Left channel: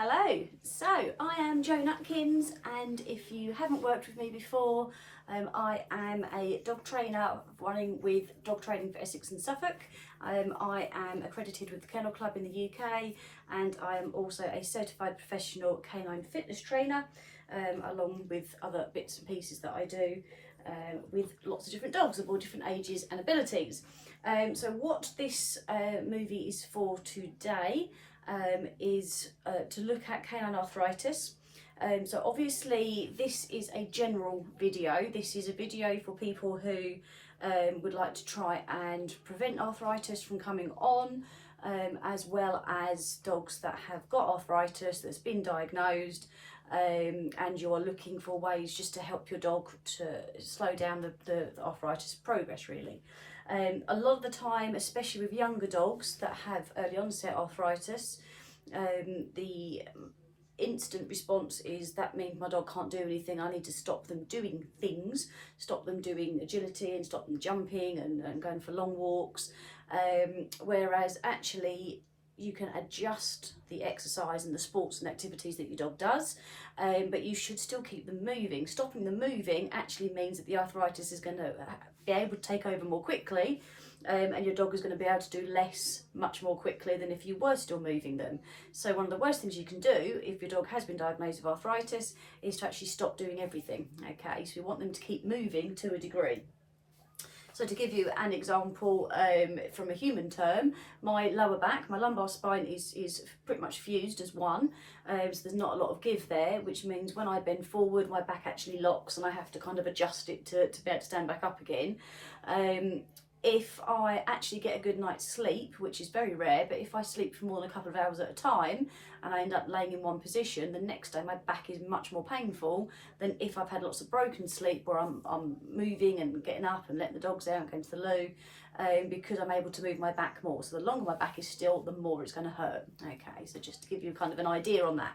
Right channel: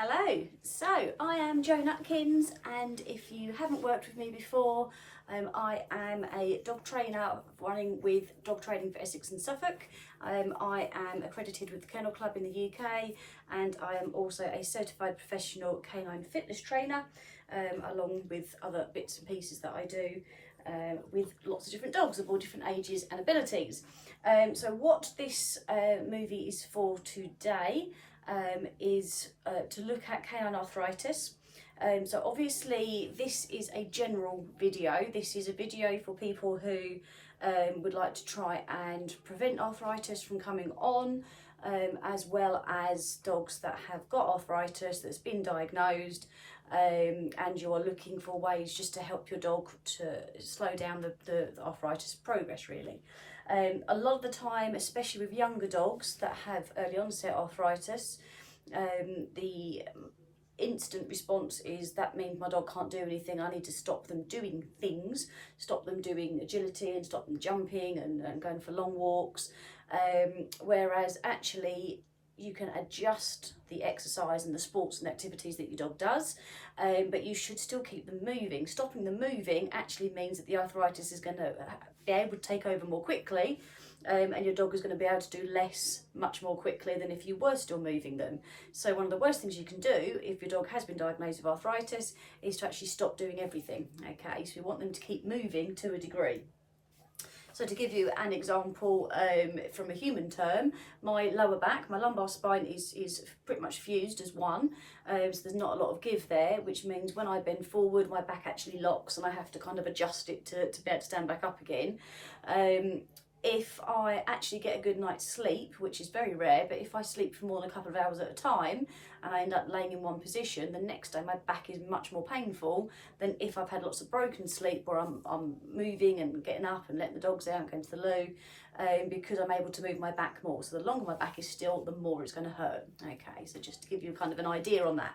Hello, so I am Jo Nutkins, and if you haven't worked with me before, I am a dog trainer running with Dog Training for Essex and Suffolk. I am accredited with the Kennel Club in the UK, and I am also a certified professional canine fitness trainer, along with other bits and pieces that I do with lots of different dogs of all different ages and abilities. So what this movie is for today is to look at canine arthritis. So obviously this is a general video. This is a video for people who would like to try and prevent arthritis from coming on, as well as dogs that have got arthritis that's been diagnosed, and you're looking for ways just to help your dog to slow down the arthritis progress, really. A lot of the time, especially with younger dogs that have early onset arthritis, the instant response is that means my dog can't do anything. I need to stop them doing things, stop them doing agility and stop them jumping and going for long walks. Whereas actually you can adjust the exercise and the sports and activities that your dog does, but you should still keep them moving. Stopping them moving actually means that the arthritis is going to be able to take over more quickly, and your dog is going to be able to do less much more quickly than if you were still moving them. So one of the worst things you can do if your dog has been diagnosed with arthritis is to actually stop doing everything. Okay, so we want them to keep moving to a degree. So to give you an example, from a human term, my lower back, my lumbar spine is pretty much fused as one, so there's not a lot of give there, which means when I bend forward, my back actually locks and I have to kind of adjust it to be able to stand back up again. If I actually get a good night's sleep, which is very rare, but if I sleep for more than a couple of hours at a time and I end up laying in one position, the next day my back is much more painful than if I've had lots of broken sleep where I'm moving and getting up and letting the dogs out and going to the loo, because I'm able to move my back more. So the longer my back is still, the more it's going to hurt. Okay, so just to give you kind of an idea on that.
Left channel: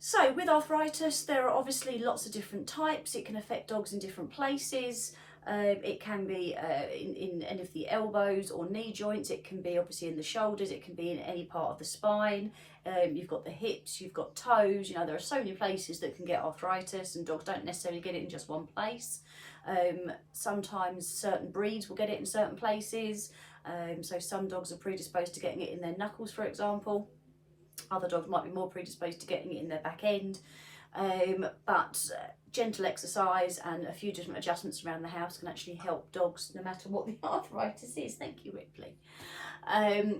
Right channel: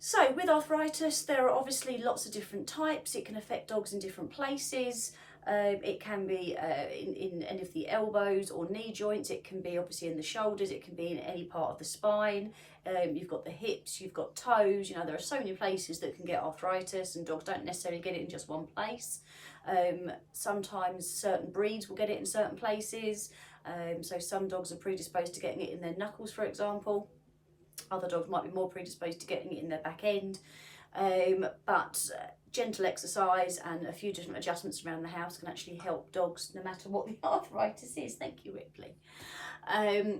So with arthritis, there are obviously lots of different types. It can affect dogs in different places. It can be in any of the elbows or knee joints. It can be obviously in the shoulders. It can be in any part of the spine. You've got the hips, you've got toes. You know, there are so many places that can get arthritis, and dogs don't necessarily get it in just one place. Sometimes certain breeds will get it in certain places. So some dogs are predisposed to getting it in their knuckles, for example. Other dogs might be more predisposed to getting it in their back end. But gentle exercise and a few different adjustments around the house can actually help dogs no matter what the arthritis is. Thank you, Ripley.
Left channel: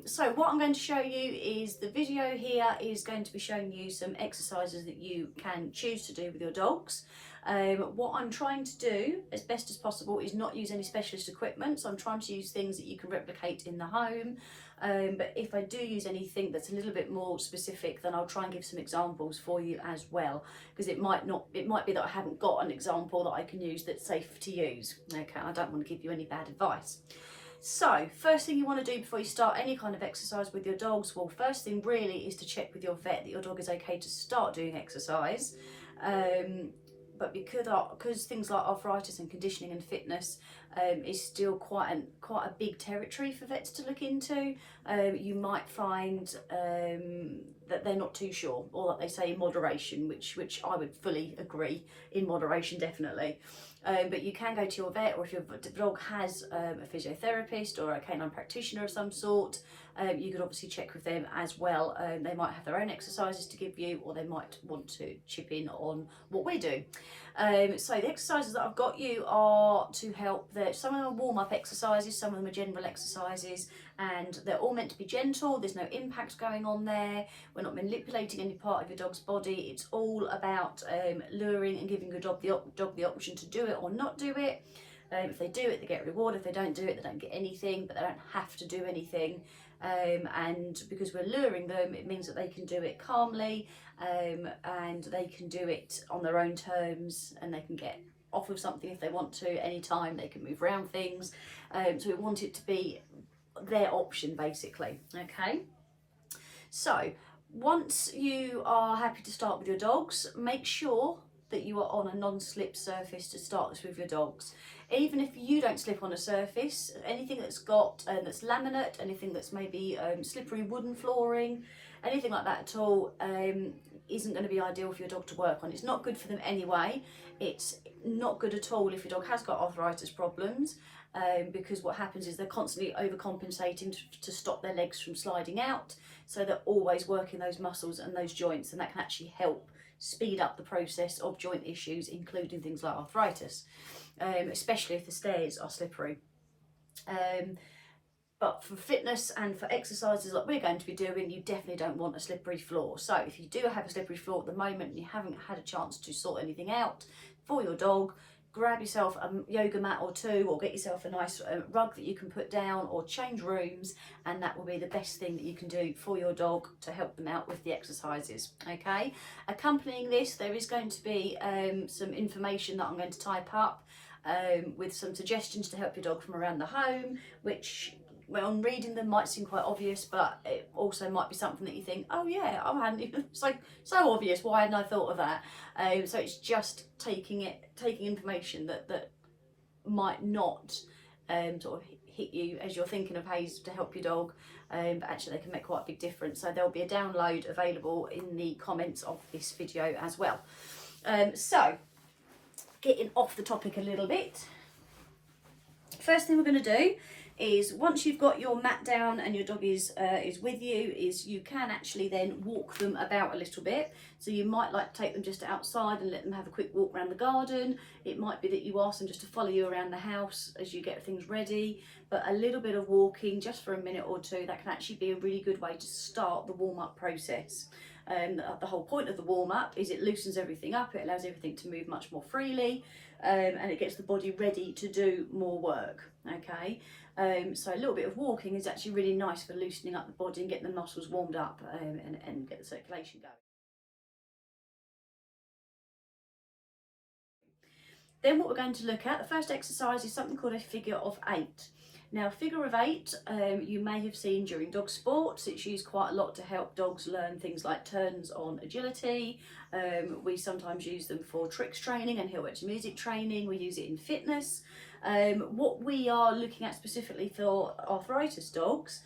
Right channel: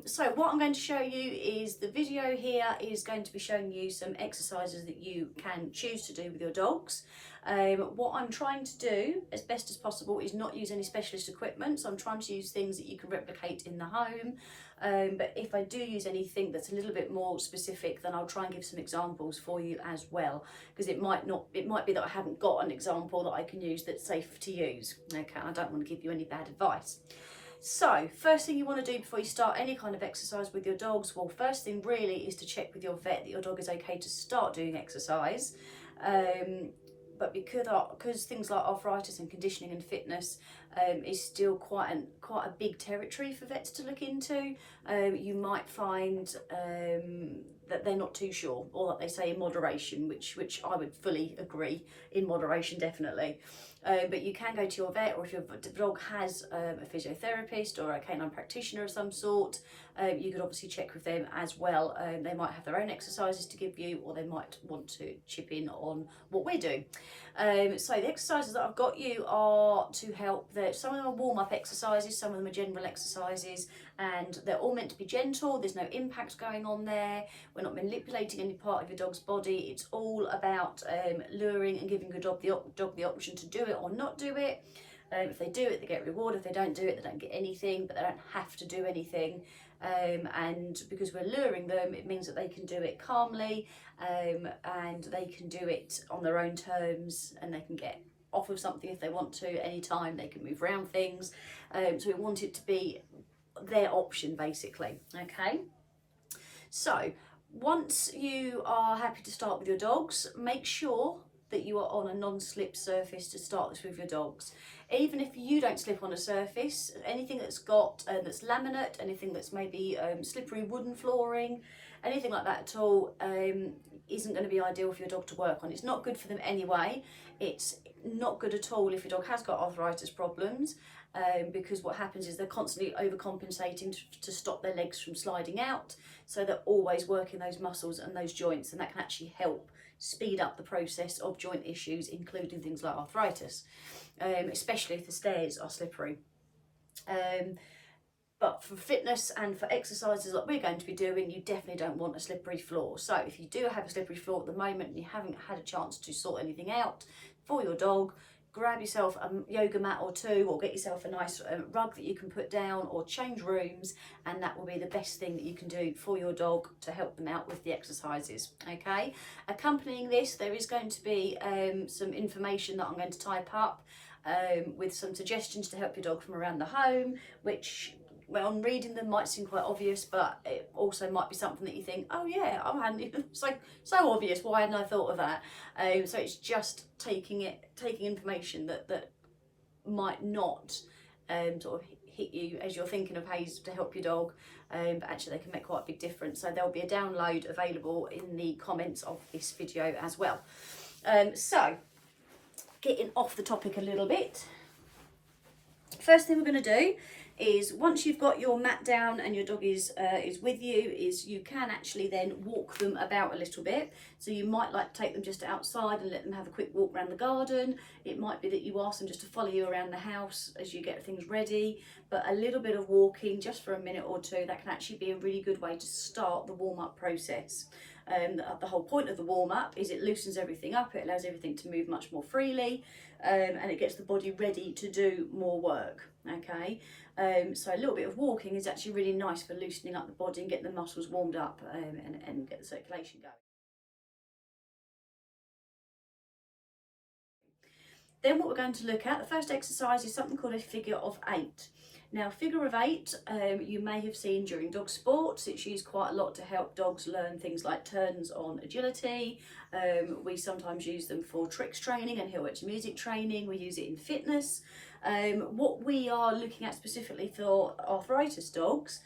So what I'm going to show you is the video here is going to be showing you some exercises that you can choose to do with your dogs. What I'm trying to do as best as possible is not use any specialist equipment, so I'm trying to use things that you can replicate in the home. But if I do use anything that's a little bit more specific, then I'll try and give some examples for you as well, because it might be that I haven't got an example that I can use that's safe to use. Okay, I don't want to give you any bad advice. So first thing you want to do before you start any kind of exercise with your dogs, well, first thing really is to check with your vet that your dog is okay to start doing exercise. But because things like arthritis and conditioning and fitness is still quite a big territory for vets to look into, you might find that they're not too sure, or that they say in moderation, which I would fully agree, in moderation definitely. But you can go to your vet, or if your dog has a physiotherapist or a canine practitioner of some sort, you could obviously check with them as well. They might have their own exercises to give you, or they might want to chip in on what we're doing. So the exercises that I've got you are to help. Some of them are warm-up exercises, some of them are general exercises, and they're all meant to be gentle. There's no impact going on there. We're not manipulating any part of your dog's body. It's all about luring and giving your dog the option to do it or not do it. If they do it, they get rewarded. If they don't do it, they don't get anything, but they don't have to do anything. And because we're luring them, it means that they can do it calmly, and they can do it on their own terms, and they can get off of something if they want to anytime. They can move around things. So we want it to be their option, basically. Okay. So once you are happy to start with your dogs, make sure that you are on a non-slip surface to start this with your dogs. Even if you don't slip on a surface, anything that's got that's laminate, anything that's maybe slippery wooden flooring, anything like that at all isn't going to be ideal for your dog to work on. It's not good for them anyway. It's not good at all if your dog has got arthritis problems, because what happens is they're constantly overcompensating to stop their legs from sliding out. So they're always working those muscles and those joints, and that can actually help speed up the process of joint issues, including things like arthritis, especially if the stairs are slippery. But for fitness and for exercises like we're going to be doing, you definitely don't want a slippery floor. So if you do have a slippery floor at the moment and you haven't had a chance to sort anything out for your dog, grab yourself a yoga mat or two, or get yourself a nice rug that you can put down, or change rooms, and that will be the best thing that you can do for your dog to help them out with the exercises. Okay, accompanying this, there is going to be some information that I'm going to type up with some suggestions to help your dog from around the home, which, well, on reading them might seem quite obvious, but it also might be something that you think, oh yeah, I hadn't even, so obvious, why hadn't I thought of that? So it's just taking information that might not sort of hit you as you're thinking of ways to help your dog, but actually they can make quite a big difference. So there'll be a download available in the comments of this video as well. So getting off the topic a little bit, first thing we're going to do is, once you've got your mat down and your dog is with you, is you can actually then walk them about a little bit. So you might like to take them just outside and let them have a quick walk around the garden. It might be that you ask them just to follow you around the house as you get things ready, but a little bit of walking just for a minute or two, that can actually be a really good way to start the warm-up process. The whole point of the warm-up is it loosens everything up, it allows everything to move much more freely, and it gets the body ready to do more work. Okay, so a little bit of walking is actually really nice for loosening up the body and getting the muscles warmed up, and get the circulation going. Then what we're going to look at, the first exercise, is something called a figure of 8. Now, figure of 8, you may have seen during dog sports. It's used quite a lot to help dogs learn things like turns on agility. We sometimes use them for tricks training and heel edge music training. We use it in fitness. What we are looking at specifically for arthritis dogs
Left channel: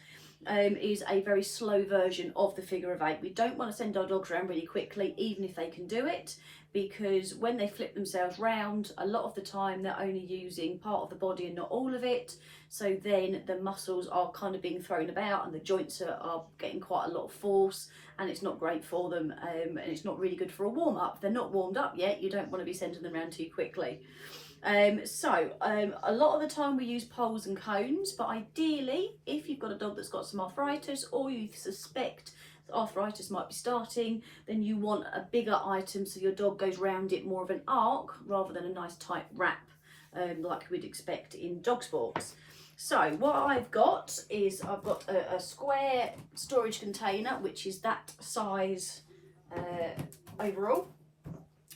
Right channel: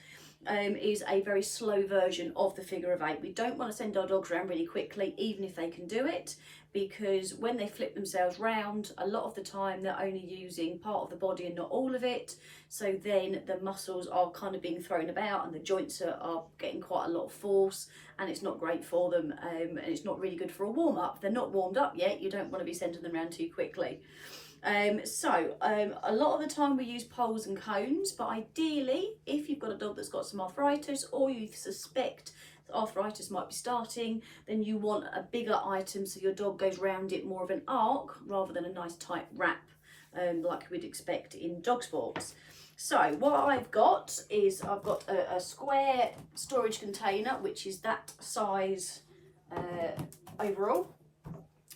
is a very slow version of the figure of 8. We don't want to send our dogs around really quickly, even if they can do it, because when they flip themselves round, a lot of the time they're only using part of the body and not all of it. So then the muscles are kind of being thrown about and the joints are getting quite a lot of force, and it's not great for them, and it's not really good for a warm-up. If they're not warmed up yet, you don't want to be sending them around too quickly. A lot of the time we use poles and cones, but ideally, if you've got a dog that's got some arthritis, or you suspect arthritis might be starting, then you want a bigger item so your dog goes round it more of an arc rather than a nice tight wrap, like we'd expect in dog sports. So what I've got is a square storage container, which is that size overall,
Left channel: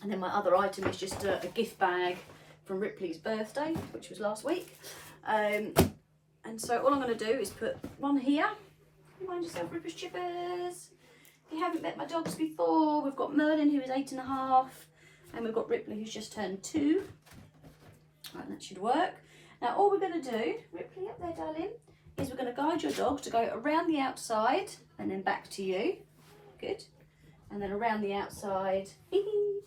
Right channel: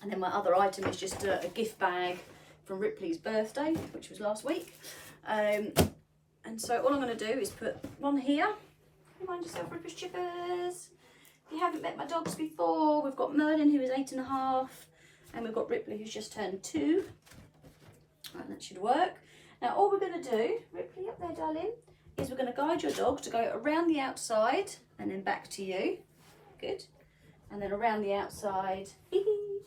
and then my other item is just a gift bag from Ripley's birthday, which was last week. And so all I'm going to do is put one here. Mind yourself, Rippers Chippers. If you haven't met my dogs before, we've got Merlin, who is 8.5, and we've got Ripley, who's just turned 2. Right, that should work. Now all we're going to do, Ripley, up there, darling, is we're going to guide your dog to go around the outside and then back to you. Good. And then around the outside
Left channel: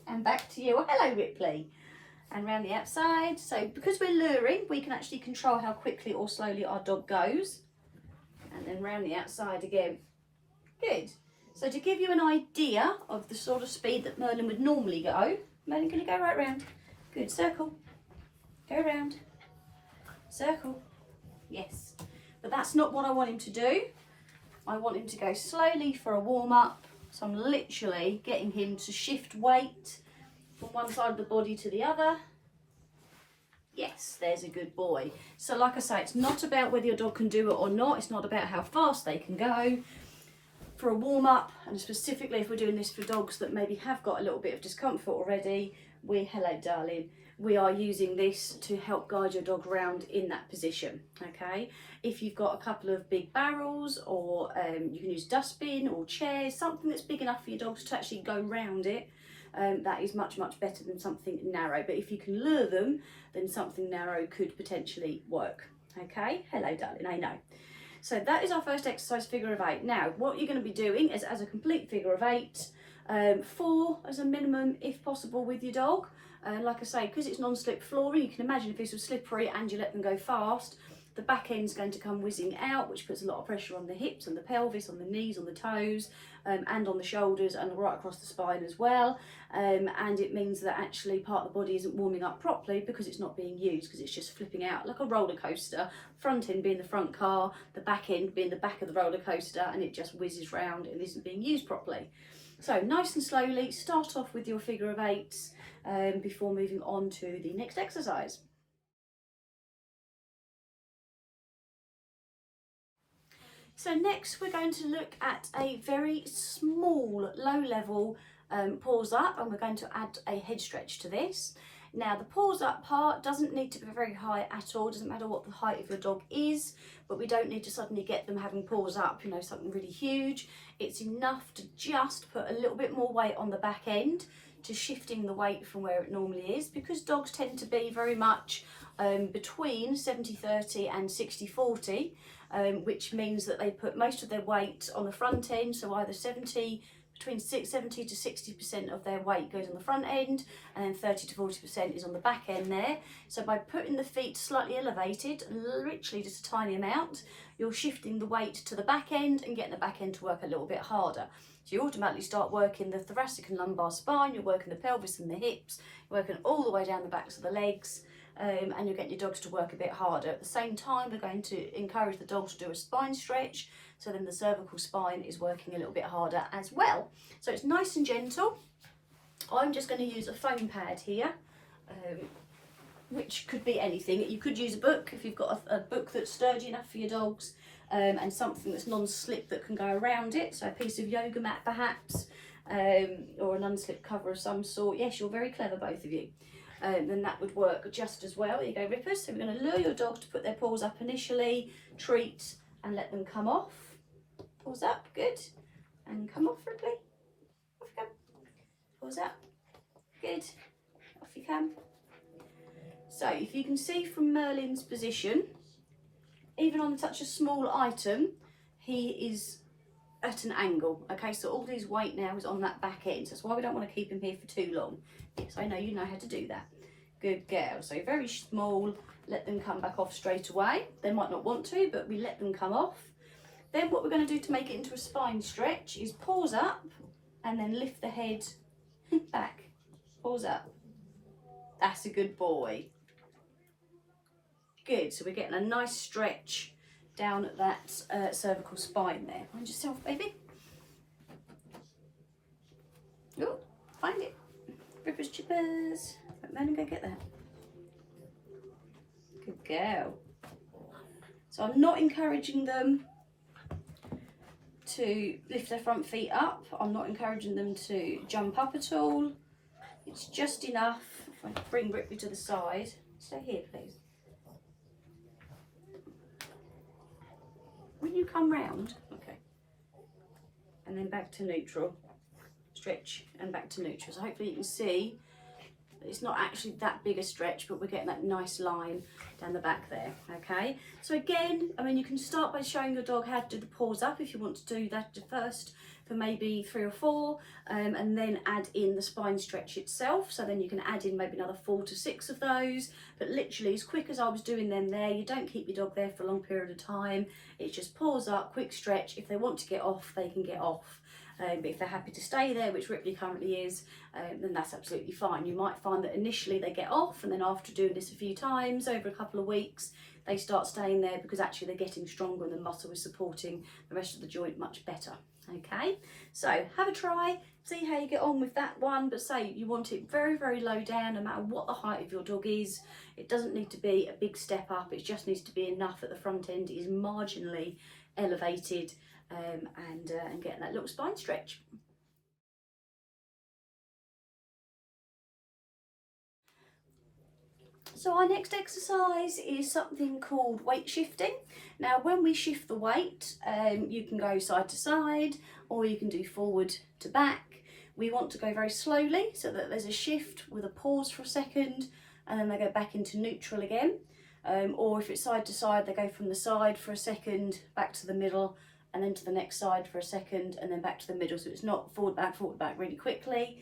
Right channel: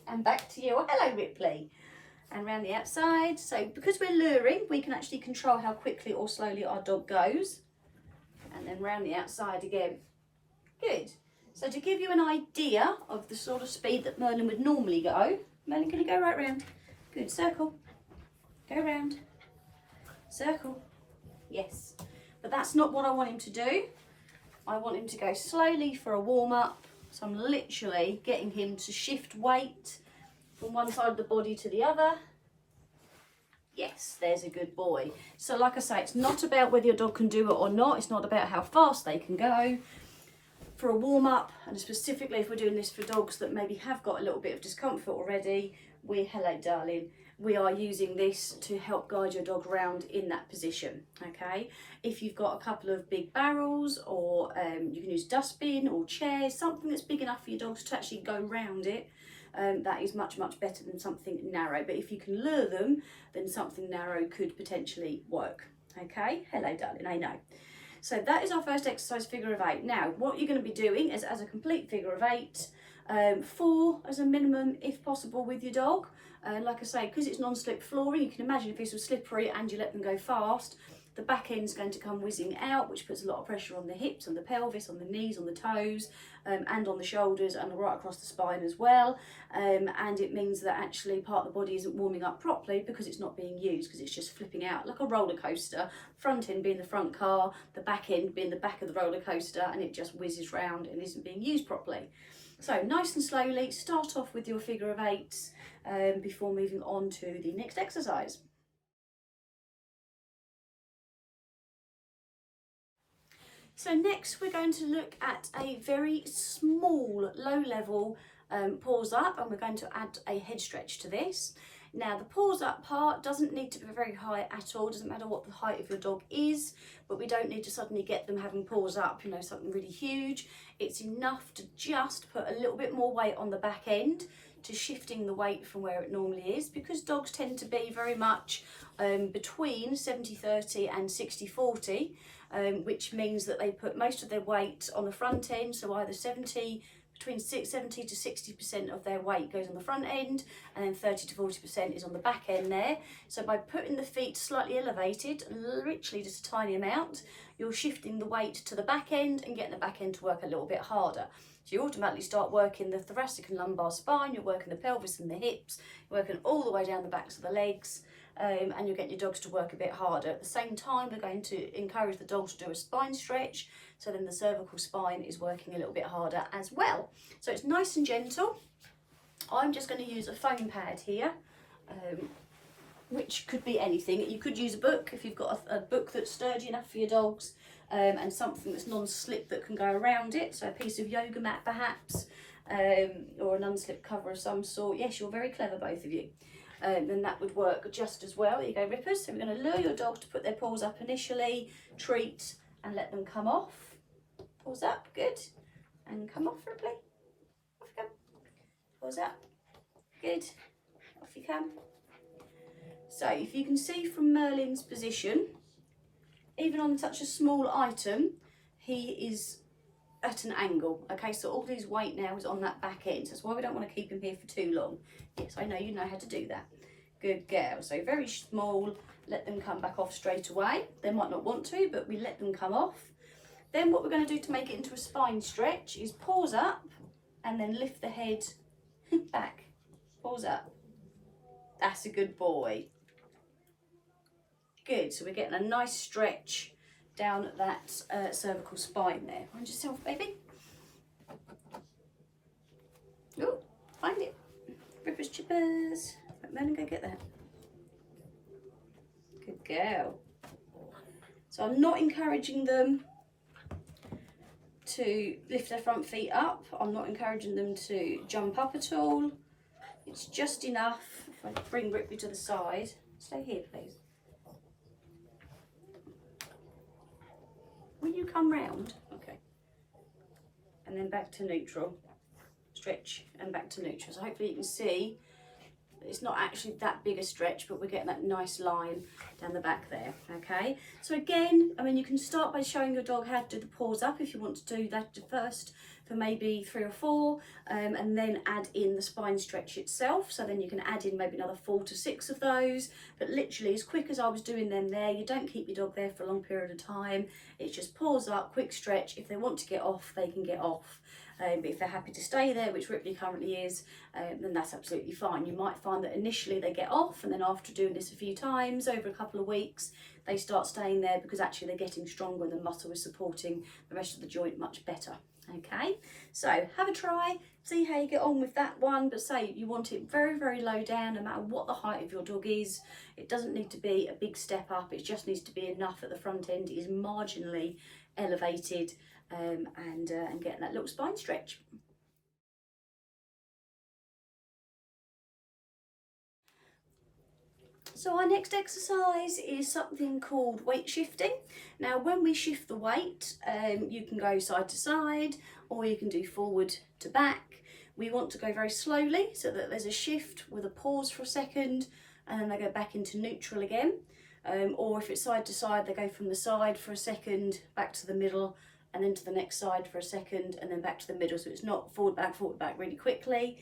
and back to you. Oh, hello, Ripley. And around the outside. So because we're luring, we can actually control how quickly or slowly our dog goes. And then round the outside again. Good. So to give you an idea of the sort of speed that Merlin would normally go, Merlin, can you go right round? Good. Circle. Go round. Circle. Yes. But that's not what I want him to do. I want him to go slowly for a warm-up. So I'm literally getting him to shift weight from one side of the body to the other. Yes, there's a good boy. So like I say, it's not about whether your dog can do it or not. It's not about how fast they can go. For a warm-up, and specifically if we're doing this for dogs that maybe have got a little bit of discomfort already, hello darling, we are using this to help guide your dog around in that position. Okay, if you've got a couple of big barrels, or you can use dustbin or chairs, something that's big enough for your dogs to actually go round it, that is much better than something narrow. But if you can lure them, then something narrow could potentially work. Okay, hello darling, I know. So that is our first exercise, figure of 8. Now, what you're going to be doing is as a complete figure of 8, 4 as a minimum if possible with your dog. Like I say, because it's non-slip flooring, you can imagine if this was slippery and you let them go fast, the back end's going to come whizzing out, which puts a lot of pressure on the hips, on the pelvis, on the knees, on the toes, and on the shoulders and right across the spine as well. And it means that actually part of the body isn't warming up properly because it's not being used, because it's just flipping out like a roller coaster, front end being the front car, the back end being the back of the roller coaster, and it just whizzes round and isn't being used properly. So nice and slowly, start off with your figure of 8 before moving on to the next exercise. So next we're going to look at a very small, low level pause up, and we're going to add a head stretch to this. Now the pause up part doesn't need to be very high at all, doesn't matter what the height of your dog is, but we don't need to suddenly get them having pause up, you know, something really huge. It's enough to just put a little bit more weight on the back end, to shifting the weight from where it normally is, because dogs tend to be very much between 70-30 and 60-40, which means that they put most of their weight on the front end, so either between 70 to 60% of their weight goes on the front end, and then 30 to 40% is on the back end there. So by putting the feet slightly elevated, literally just a tiny amount, you're shifting the weight to the back end and getting the back end to work a little bit harder. So you automatically start working the thoracic and lumbar spine, you're working the pelvis and the hips, you're working all the way down the backs of the legs, and you're getting your dogs to work a bit harder. At the same time, we're going to encourage the dogs to do a spine stretch, so then the cervical spine is working a little bit harder as well. So it's nice and gentle. I'm just going to use a foam pad here, which could be anything. You could use a book if you've got a book that's sturdy enough for your dogs, and something that's non-slip that can go around it, so a piece of yoga mat perhaps, or an unslip cover of some sort. Yes, you're very clever, both of you. Then that would work just as well. Here you go, Rippers. So we're going to lure your dog to put their paws up initially, treat, and let them come off. Paws up, good, and come off, Ripley. Off you come. Paws up, good, off you come. So if you can see from Merlin's position, even on such a small item, he is at an angle. Okay, so all his weight now is on that back end. So that's why we don't want to keep him here for too long. Yes, I know you know how to do that. Good girl. So very small, let them come back off straight away. They might not want to, but we let them come off. Then what we're going to do to make it into a spine stretch is pause up and then lift the head back. Pause up. That's a good boy. Good, so we're getting a nice stretch down at that cervical spine there. Find yourself, baby. Oh, find it. Rippers, chippers. Let Melon go get that. Good girl. So I'm not encouraging them to lift their front feet up. I'm not encouraging them to jump up at all. It's just enough. If I bring Ripley to the side. Stay here, please. Will you come round? Okay. And then back to neutral. Stretch and back to neutral. So hopefully you can see that it's not actually that big a stretch, but we're getting that nice line down the back there. Okay. So again, I mean, you can start by showing your dog how to do the pause up if you want to do that first for maybe 3 or 4, and then add in the spine stretch itself. So then you can add in maybe another 4 to 6 of those, but literally as quick as I was doing them there, you don't keep your dog there for a long period of time. It's just pause up, quick stretch. If they want to get off, they can get off. But if they're happy to stay there, which Ripley currently is, then that's absolutely fine. You might find that initially they get off, and then after doing this a few times over a couple of weeks, they start staying there because actually they're getting stronger and the muscle is supporting the rest of the joint much better. Okay, so have a try, see how you get on with that one, but say you want it very, very low down, no matter what the height of your dog is. It doesn't need to be a big step up, it just needs to be enough that the front end is marginally elevated, and getting that little spine stretch. So our next exercise is something called weight shifting. Now when we shift the weight, you can go side to side or you can do forward to back. We want to go very slowly so that there's a shift with a pause for a second and then they go back into neutral again. or if it's side to side, they go from the side for a second, back to the middle, and then to the next side for a second, and then back to the middle. So it's not forward, back really quickly.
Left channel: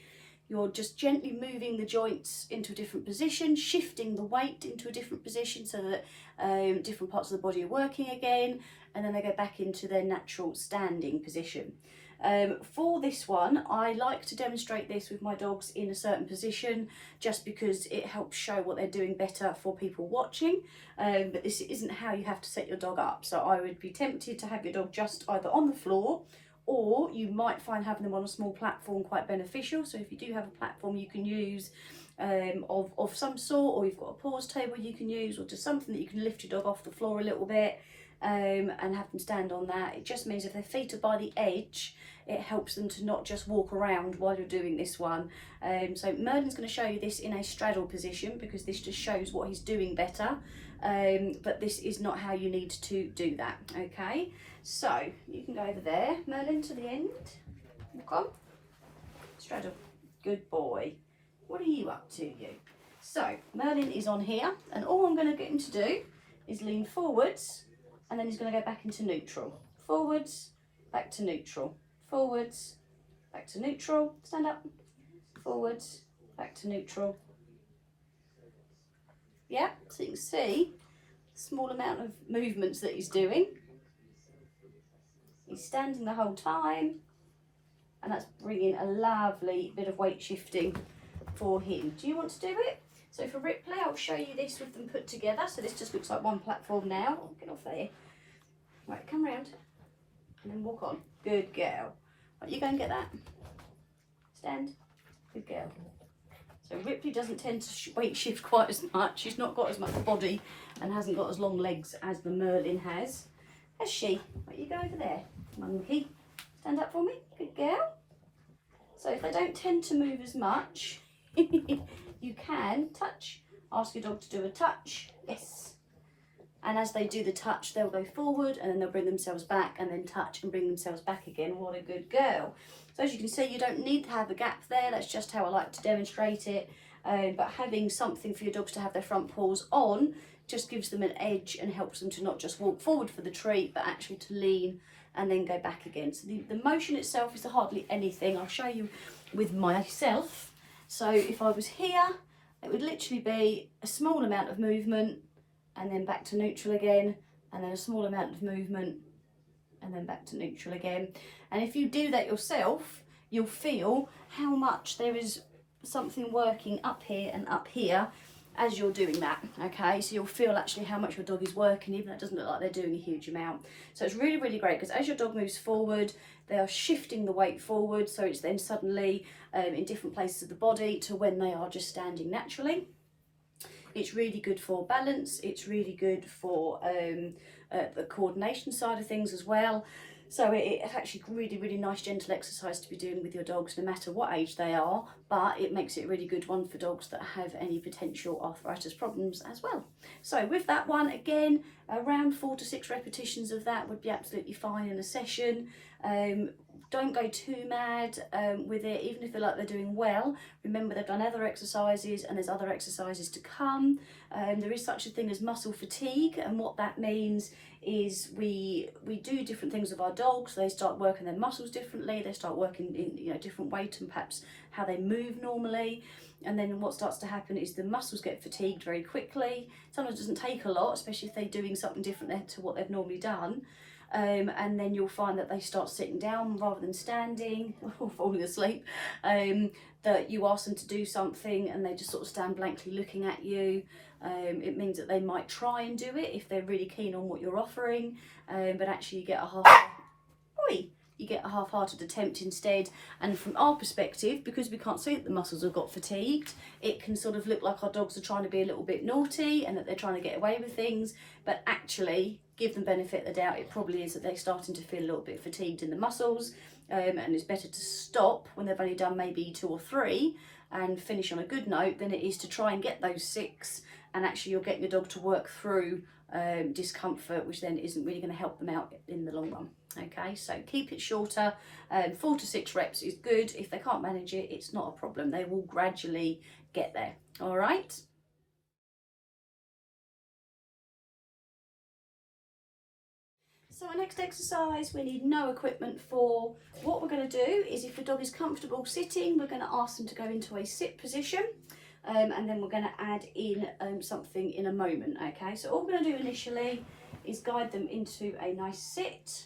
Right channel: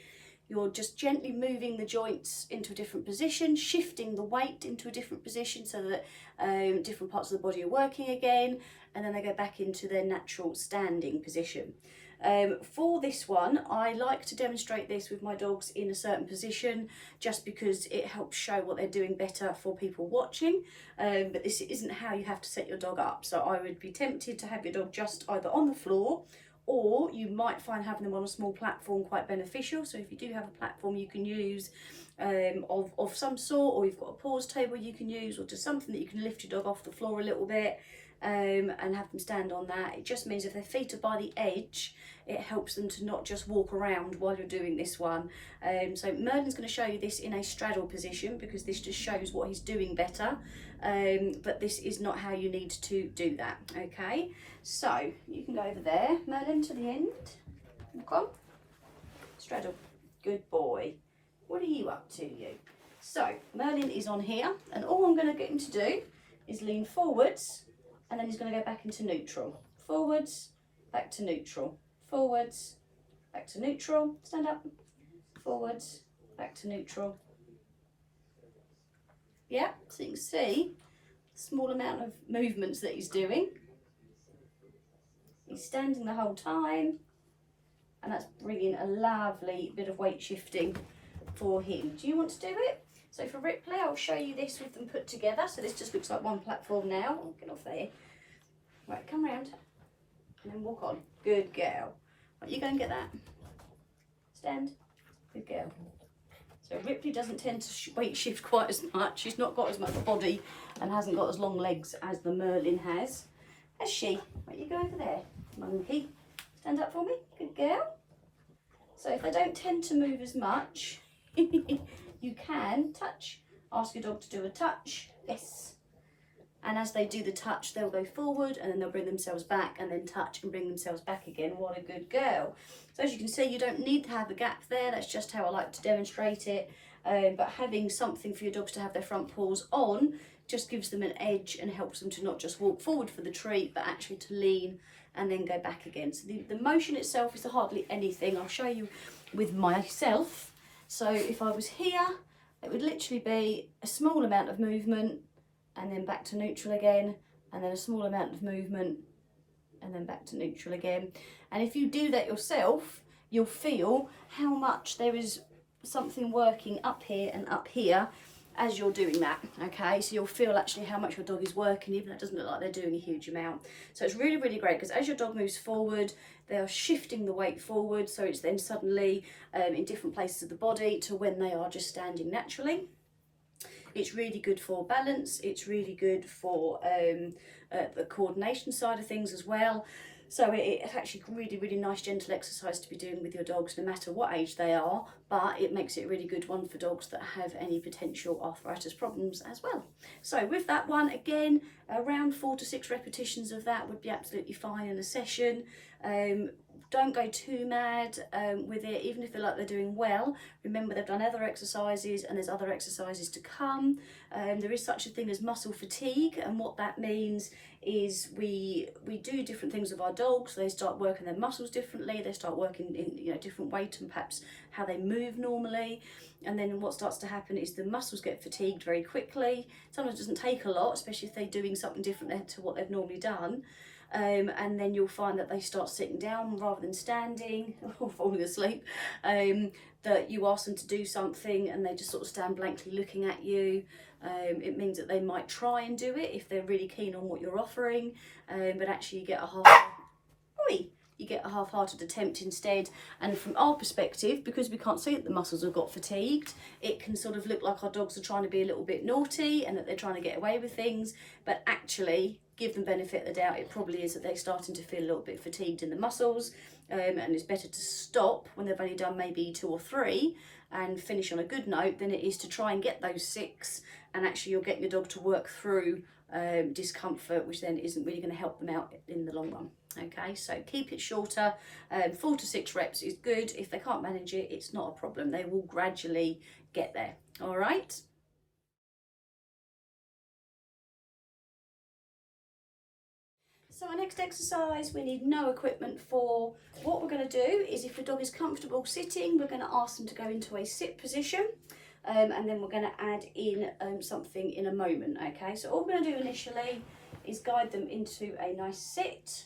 You're just gently moving the joints into a different position, shifting the weight into a different position so that different parts of the body are working again, and then they go back into their natural standing position. For this one, I like to demonstrate this with my dogs in a certain position just because it helps show what they're doing better for people watching, but this isn't how you have to set your dog up. So I would be tempted to have your dog just either on the floor, or you might find having them on a small platform quite beneficial. So if you do have a platform you can use of some sort, or you've got a pause table you can use, or just something that you can lift your dog off the floor a little bit and have them stand on that. It just means if their feet are by the edge, it helps them to not just walk around while you're doing this one. So Merlin's going to show you this in a straddle position because this just shows what he's doing better, but this is not how you need to do that. Okay, so you can go over there, Merlin, to the end. Look on, straddle, good boy. What are you up to, you? So Merlin is on here, and all I'm going to get him to do is lean forwards, and then he's going to go back into neutral. Forwards, back to neutral. Forwards, back to neutral. Stand up. Forwards, back to neutral. Yeah, so you can see the small amount of movements that he's doing. He's standing the whole time, and that's bringing a lovely bit of weight shifting for him. Do you want to do it? So for Ripley, I'll show you this with them put together. So this just looks like one platform now. Oh, get off there. Right, come round and then walk on. Good girl. Right, you go and get that. Stand. Good girl. So Ripley doesn't tend to weight shift quite as much. She's not got as much body and hasn't got as long legs as the Merlin has she? Right, you go over there, monkey. Stand up for me. Good girl. So if they don't tend to move as much, you can touch. Ask your dog to do a touch. Yes. And as they do the touch, they'll go forward and then they'll bring themselves back and then touch and bring themselves back again. What a good girl. So as you can see, you don't need to have a gap there. That's just how I like to demonstrate it. But having something for your dogs to have their front paws on just gives them an edge and helps them to not just walk forward for the treat, but actually to lean and then go back again. So the motion itself is hardly anything. I'll show you with myself. So if I was here, it would literally be a small amount of movement and then back to neutral again, and then a small amount of movement and then back to neutral again. And if you do that yourself, you'll feel how much there is something working up here and up here as you're doing that. Okay, so you'll feel actually how much your dog is working, even though it doesn't look like they're doing a huge amount. So it's really, really great because as your dog moves forward, they are shifting the weight forward, so it's then suddenly in different places of the body to when they are just standing naturally. It's really good for balance. It's really good for the coordination side of things as well. So it's actually really, really nice gentle exercise to be doing with your dogs no matter what age they are, but it makes it a really good one for dogs that have any potential arthritis problems as well. So with that one, again, around 4 to 6 repetitions of that would be absolutely fine in a session. Don't go too mad with it, even if they like they're doing well. Remember, they've done other exercises and there's other exercises to come. There is such a thing as muscle fatigue, and what that means is we do different things with our dogs. They start working their muscles differently. They start working in different weight and perhaps how they move normally. And then what starts to happen is the muscles get fatigued very quickly. Sometimes it doesn't take a lot, especially if they're doing something different to what they've normally done. And then you'll find that they start sitting down rather than standing or falling asleep, that you ask them to do something and they just sort of stand blankly looking at you. It means that they might try and do it if they're really keen on what you're offering, but actually you get a half-hearted attempt instead. And from our perspective, because we can't see that the muscles have got fatigued, it can sort of look like our dogs are trying to be a little bit naughty and that they're trying to get away with things, but actually give them benefit of the doubt, it probably is that they're starting to feel a little bit fatigued in the muscles, and it's better to stop when they've only done maybe 2 or 3 and finish on a good note than it is to try and get those 6, and actually you're getting your dog to work through discomfort, which then isn't really going to help them out in the long run. Okay, so keep it shorter. 4 to 6 reps is good. If they can't manage it, it's not a problem. They will gradually get there. All right. So our next exercise we need no equipment for. What we're going to do is, if the dog is comfortable sitting, we're going to ask them to go into a sit position, and then we're going to add in something in a moment. Okay, so all we're going to do initially is guide them into a nice sit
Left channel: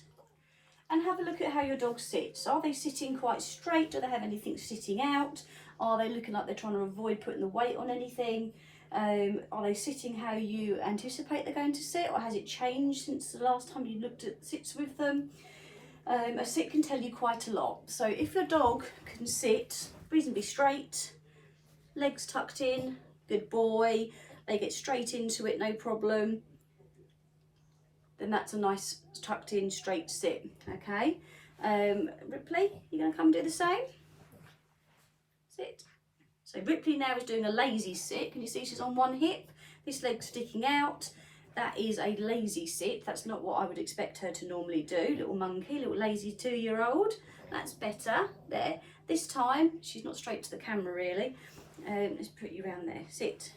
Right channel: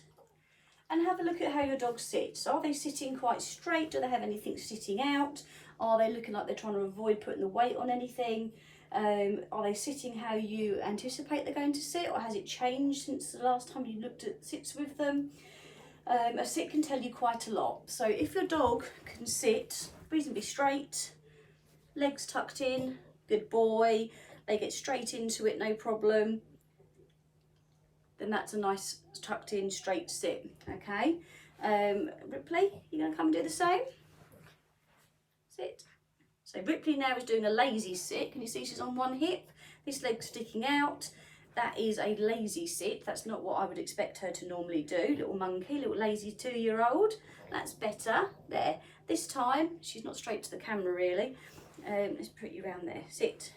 and have a look at how your dog sits. Are they sitting quite straight? Do they have anything sitting out? Are they looking like they're trying to avoid putting the weight on anything? Are they sitting how you anticipate they're going to sit, or has it changed since the last time you looked at sits with them? A sit can tell you quite a lot. So if your dog can sit reasonably straight, legs tucked in, good boy, they get straight into it, no problem, then that's a nice tucked in straight sit. Okay, Ripley, you're going to come and do the same. Sit. So Ripley now is doing a lazy sit. Can you see she's on one hip? This leg's sticking out. That is a lazy sit. That's not what I would expect her to normally do. Little monkey, little lazy 2-year-old. That's better. There. This time, she's not straight to the camera really. Let's put you around there. Sit.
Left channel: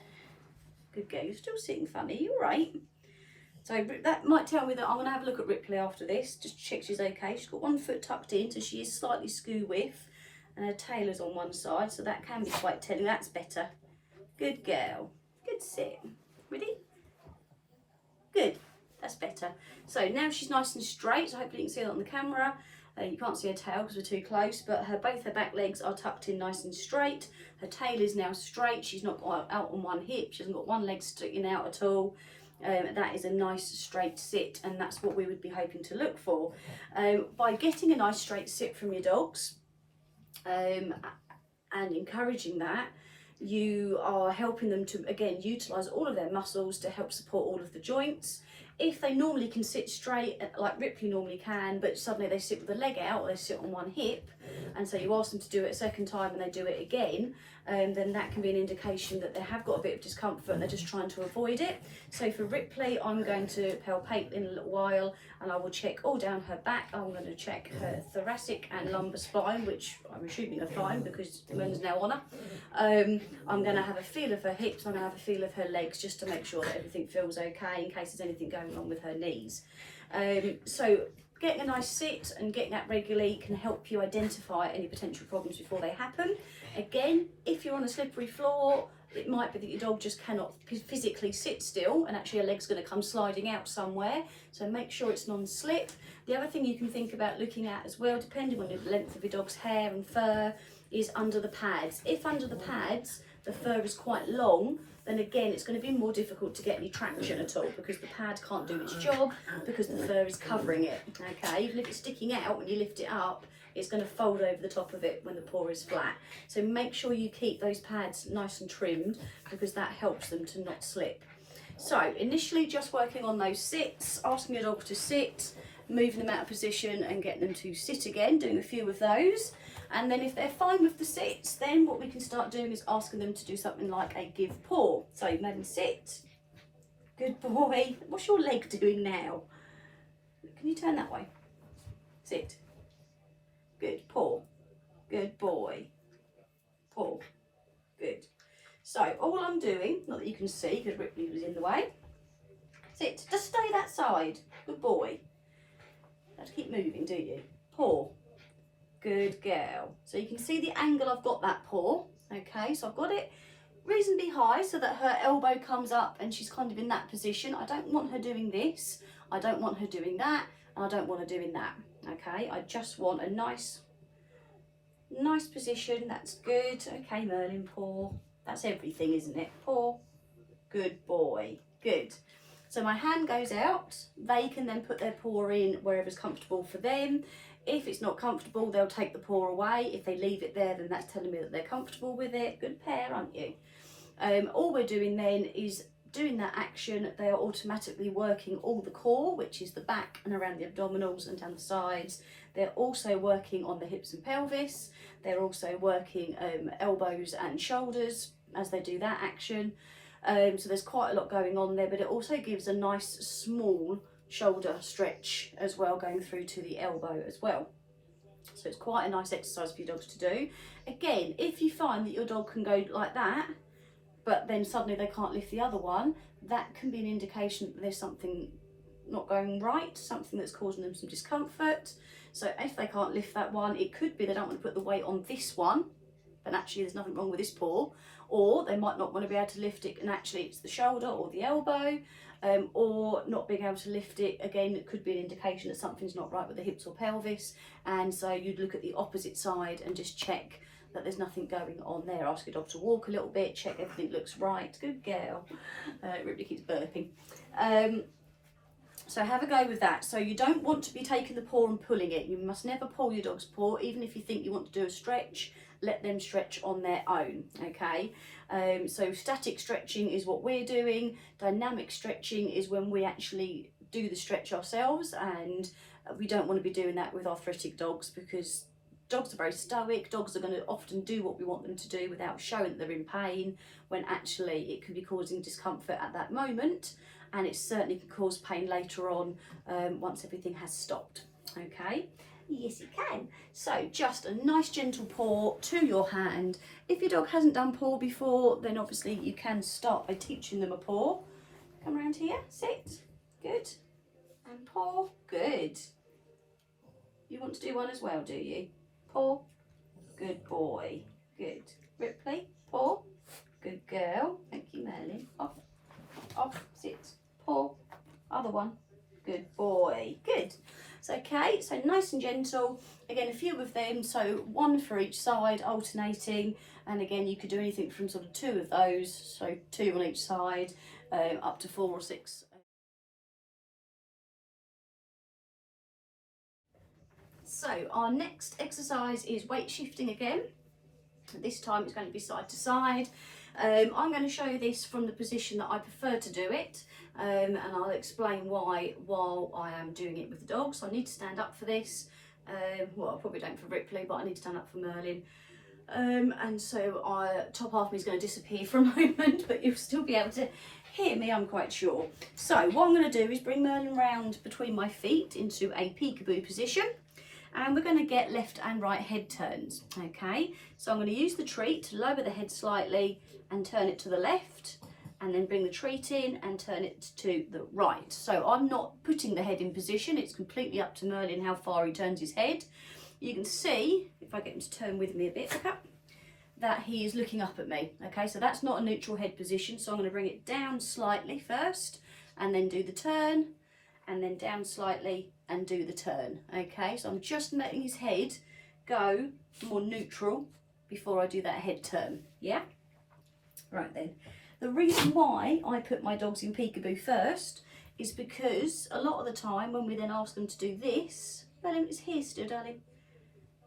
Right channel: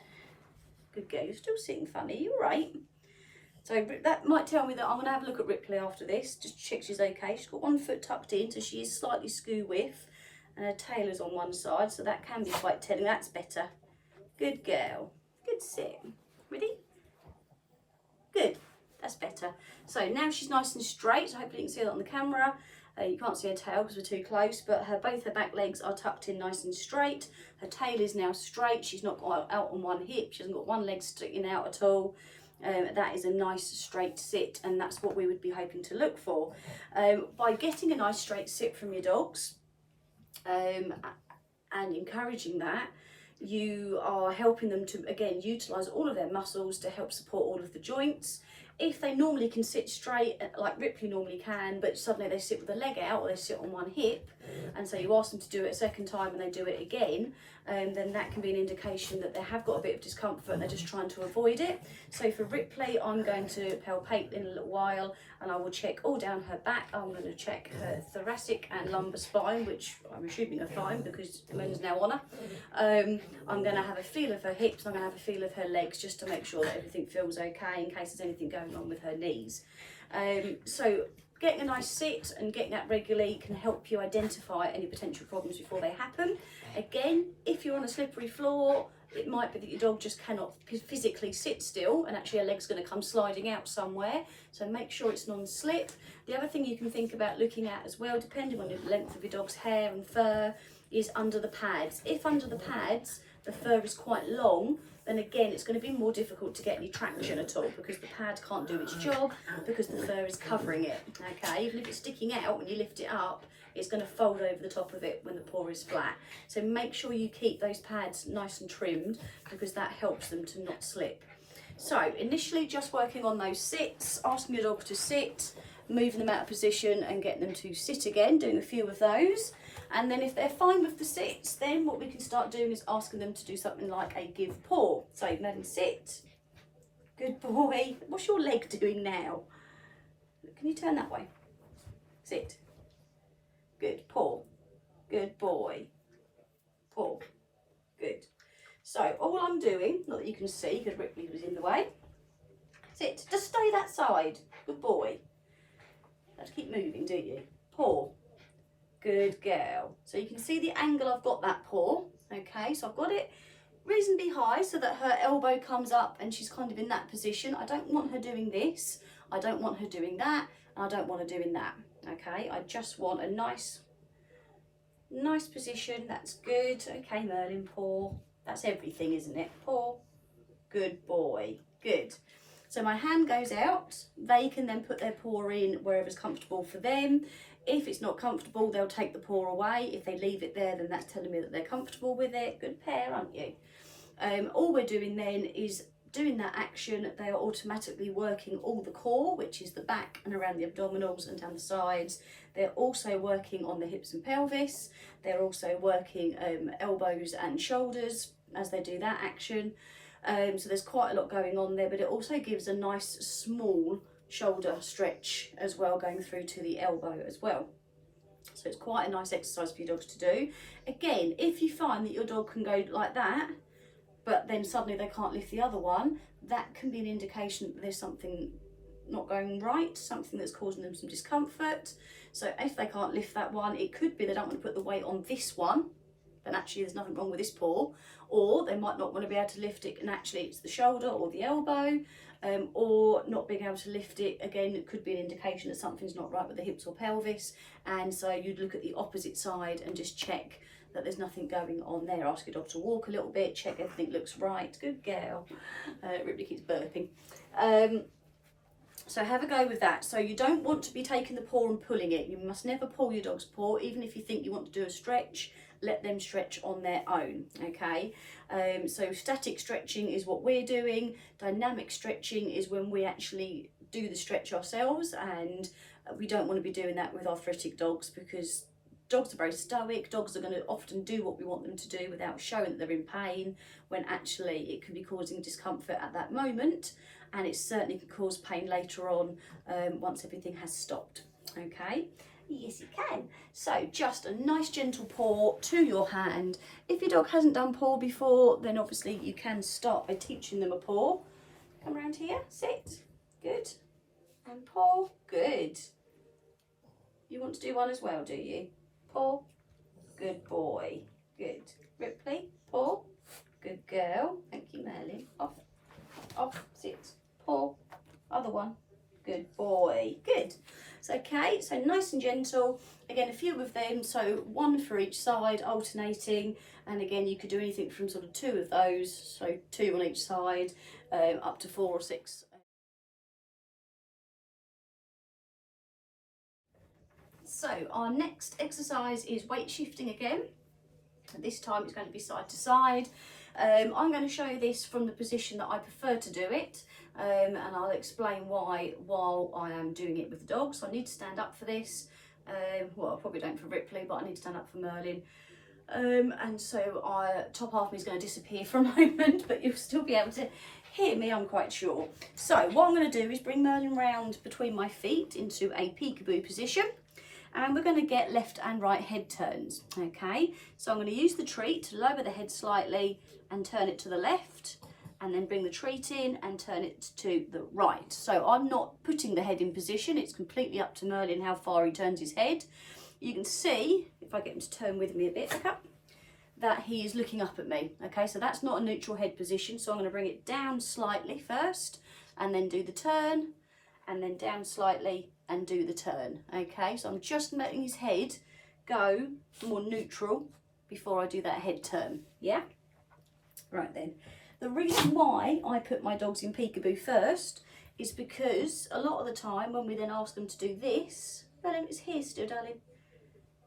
Good girl. You're still sitting funny. You're right. So that might tell me that I'm going to have a look at Ripley after this, just to check she's okay. She's got one foot tucked in, so she is slightly skew width. And her tail is on one side, so that can be quite telling. That's better. Good girl. Good sit. Ready? Good. That's better. So now she's nice and straight. So hopefully you can see that on the camera. You can't see her tail because we're too close, but both her back legs are tucked in nice and straight. Her tail is now straight. She's not got out on one hip. She hasn't got one leg sticking out at all. That is a nice straight sit, and that's what we would be hoping to look for. By getting a nice straight sit from your dogs, and encouraging that, you are helping them to again utilise all of their muscles to help support all of the joints. If they normally can sit straight like Ripley normally can, but suddenly they sit with a leg out or they sit on one hip, and so you ask them to do it a second time and they do it again, then that can be an indication that they have got a bit of discomfort and they're just trying to avoid it. So for Ripley, I'm going to palpate in a little while, and I will check all down her back. I'm going to check her thoracic and lumbar spine, which I'm assuming are fine because Moon's now on her. I'm going to have a feel of her hips. I'm going to have a feel of her legs, just to make sure that everything feels okay in case there's anything going on with her knees. So getting a nice sit and getting that regularly can help you identify any potential problems before they happen. Again, if you're on a slippery floor, it might be that your dog just cannot physically sit still, and actually her leg's going to come sliding out somewhere. So make sure it's non-slip. The other thing you can think about looking at as well, depending on the length of your dog's hair and fur, is under the pads. If under the pads the fur is quite long, then again it's going to be more difficult to get any traction at all, because the pad can't do its job because the fur is covering it. Okay, even if it's sticking out, when you lift it up, it's going to fold over the top of it when the paw is flat. So make sure you keep those pads nice and trimmed, because that helps them to not slip. So initially just working on those sits, asking your dog to sit, moving them out of position and getting them to sit again, doing a few of those. And then if they're fine with the sits, then what we can start doing is asking them to do something like a give paw. So Madam, sit. Good boy. What's your leg doing now? Can you turn that way? Sit. Good. Paw. Good boy. Paw. Good. So all I'm doing, not that you can see because Ripley was in the way. Sit. Just stay that side. Good boy. You have to keep moving, do you? Paw. Good girl. So you can see the angle I've got that paw. Okay, so I've got it reasonably high so that her elbow comes up and she's kind of in that position. I don't want her doing this. I don't want her doing that. And I don't want her doing that. Okay, I just want a nice position. That's good. Okay, Merlin, paw. That's everything, isn't it? Paw. Good boy. Good. So my hand goes out. They can then put their paw in wherever's comfortable for them. If it's not comfortable, they'll take the paw away. If they leave it there, then that's telling me that they're comfortable with it. Good pair, aren't you? All we're doing then is doing that action. They are automatically working all the core, which is the back and around the abdominals and down the sides. They're also working on the hips and pelvis. They're also working elbows and shoulders as they do that action. So there's quite a lot going on there, but it also gives a nice small shoulder stretch as well, going through to the elbow as well. So it's quite a nice exercise for your dogs to do. Again, if you find that your dog can go like that, but then suddenly they can't lift the other one, that can be an indication that there's something not going right, something that's causing them some discomfort. So if they can't lift that one, it could be they don't want to put the weight on this one, and actually there's nothing wrong with this paw, or they might not want to be able to lift it and actually it's the shoulder or the elbow, or not being able to lift it. Again, it could be an indication that something's not right with the hips or pelvis, and so you'd look at the opposite side and just check that there's nothing going on there. Ask your dog to walk a little bit, check everything looks right. Good girl. Ripley keeps burping. So have a go with that. So you don't want to be taking the paw and pulling it. You must never pull your dog's paw, even if you think you want to do a stretch. Let them stretch on their own, okay? So static stretching is what we're doing. Dynamic stretching is when we actually do the stretch ourselves, and we don't want to be doing that with arthritic dogs, because dogs are very stoic. Dogs are going to often do what we want them to do without showing that they're in pain, when actually it can be causing discomfort at that moment, and it certainly can cause pain later on once everything has stopped, okay? Yes, it can. So just a nice gentle paw to your hand. If your dog hasn't done paw before, then obviously you can start by teaching them a paw. Come around here, sit, good, and paw, good. You want to do one as well, do you? Paw, good boy, good. Ripley, paw, good girl. Thank you, Merlin. Off, off, sit, paw, other one, good boy, good. So, okay, so nice and gentle. Again, a few of them, so one for each side, alternating. And again, you could do anything from sort of 2 of those, so 2 on each side, up to 4 or 6. So our next exercise is weight shifting again. This time it's going to be side to side. I'm going to show you this from the position that I prefer to do it, and I'll explain why while I am doing it with the dog. So I need to stand up for this. Well, I probably don't for Ripley, but I need to stand up for Merlin. And so top half of me is going to disappear for a moment, but you'll still be able to hear me, I'm quite sure. So what I'm going to do is bring Merlin round between my feet into a peekaboo position. And we're going to get left and right head turns, okay? So I'm going to use the treat to lower the head slightly and turn it to the left, and then bring the treat in and turn it to the right. So I'm not putting the head in position. It's completely up to Merlin how far he turns his head. You can see, if I get him to turn with me a bit, okay, that he is looking up at me, okay? So that's not a neutral head position. So I'm going to bring it down slightly first, and then do the turn, and then down slightly and do the turn, okay? So I'm just letting his head go more neutral before I do that head turn, yeah? Right then, the reason why I put my dogs in peekaboo first is because a lot of the time when we then ask them to do this, Merlin, it's here still, darling,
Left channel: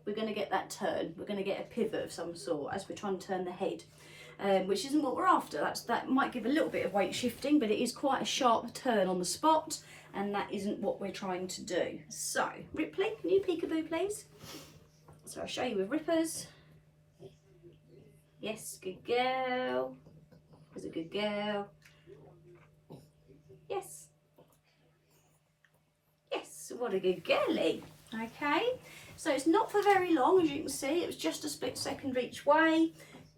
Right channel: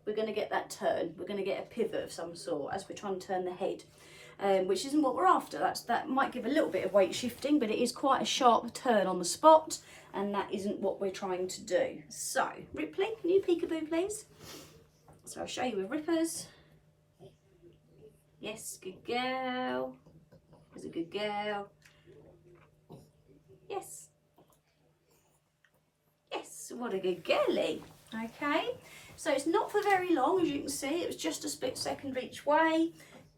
we're going to get that turn. We're going to get a pivot of some sort as we're trying to turn the head, which isn't what we're after. That might give a little bit of weight shifting, but it is quite a sharp turn on the spot, and that isn't what we're trying to do. So, Ripley, can you peekaboo, please? So I'll show you with Rippers. Yes, good girl. There's a good girl. Yes. Yes, what a good girlie. Okay, so it's not for very long, as you can see. It was just a split second each way.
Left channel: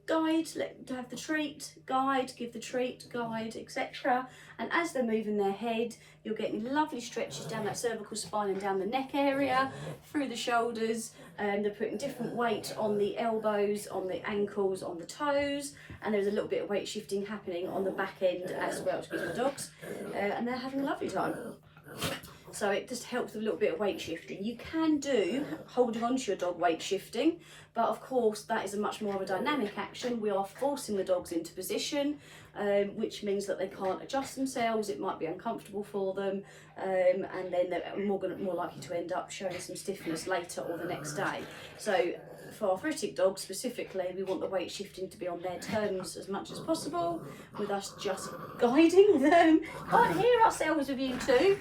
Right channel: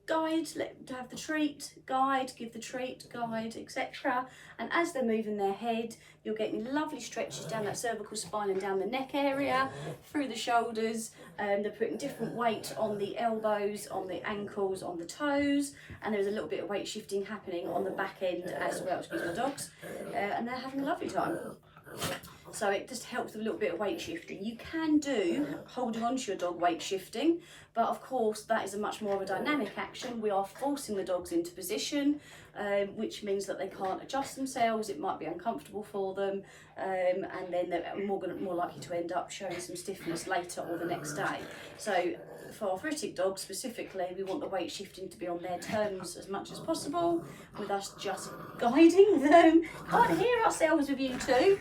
Guide, let them have the treat, guide, give the treat, guide, etc. And as they're moving their head, you're getting lovely stretches down that cervical spine and down the neck area, through the shoulders, and they're putting different weight on the elbows, on the ankles, on the toes, and there's a little bit of weight shifting happening on the back end as well, excuse my dogs, and they're having a lovely time. So it just helps with a little bit of weight shifting. You can do holding on to your dog weight shifting, but of course that is a much more of a dynamic action. We are forcing the dogs into position, which means that they can't adjust themselves. It might be uncomfortable for them, and then they're more likely to end up showing some stiffness later or the next day. So for arthritic dogs specifically, we want the weight shifting to be on their terms as much as possible, with us just guiding them. Can't hear ourselves with you two.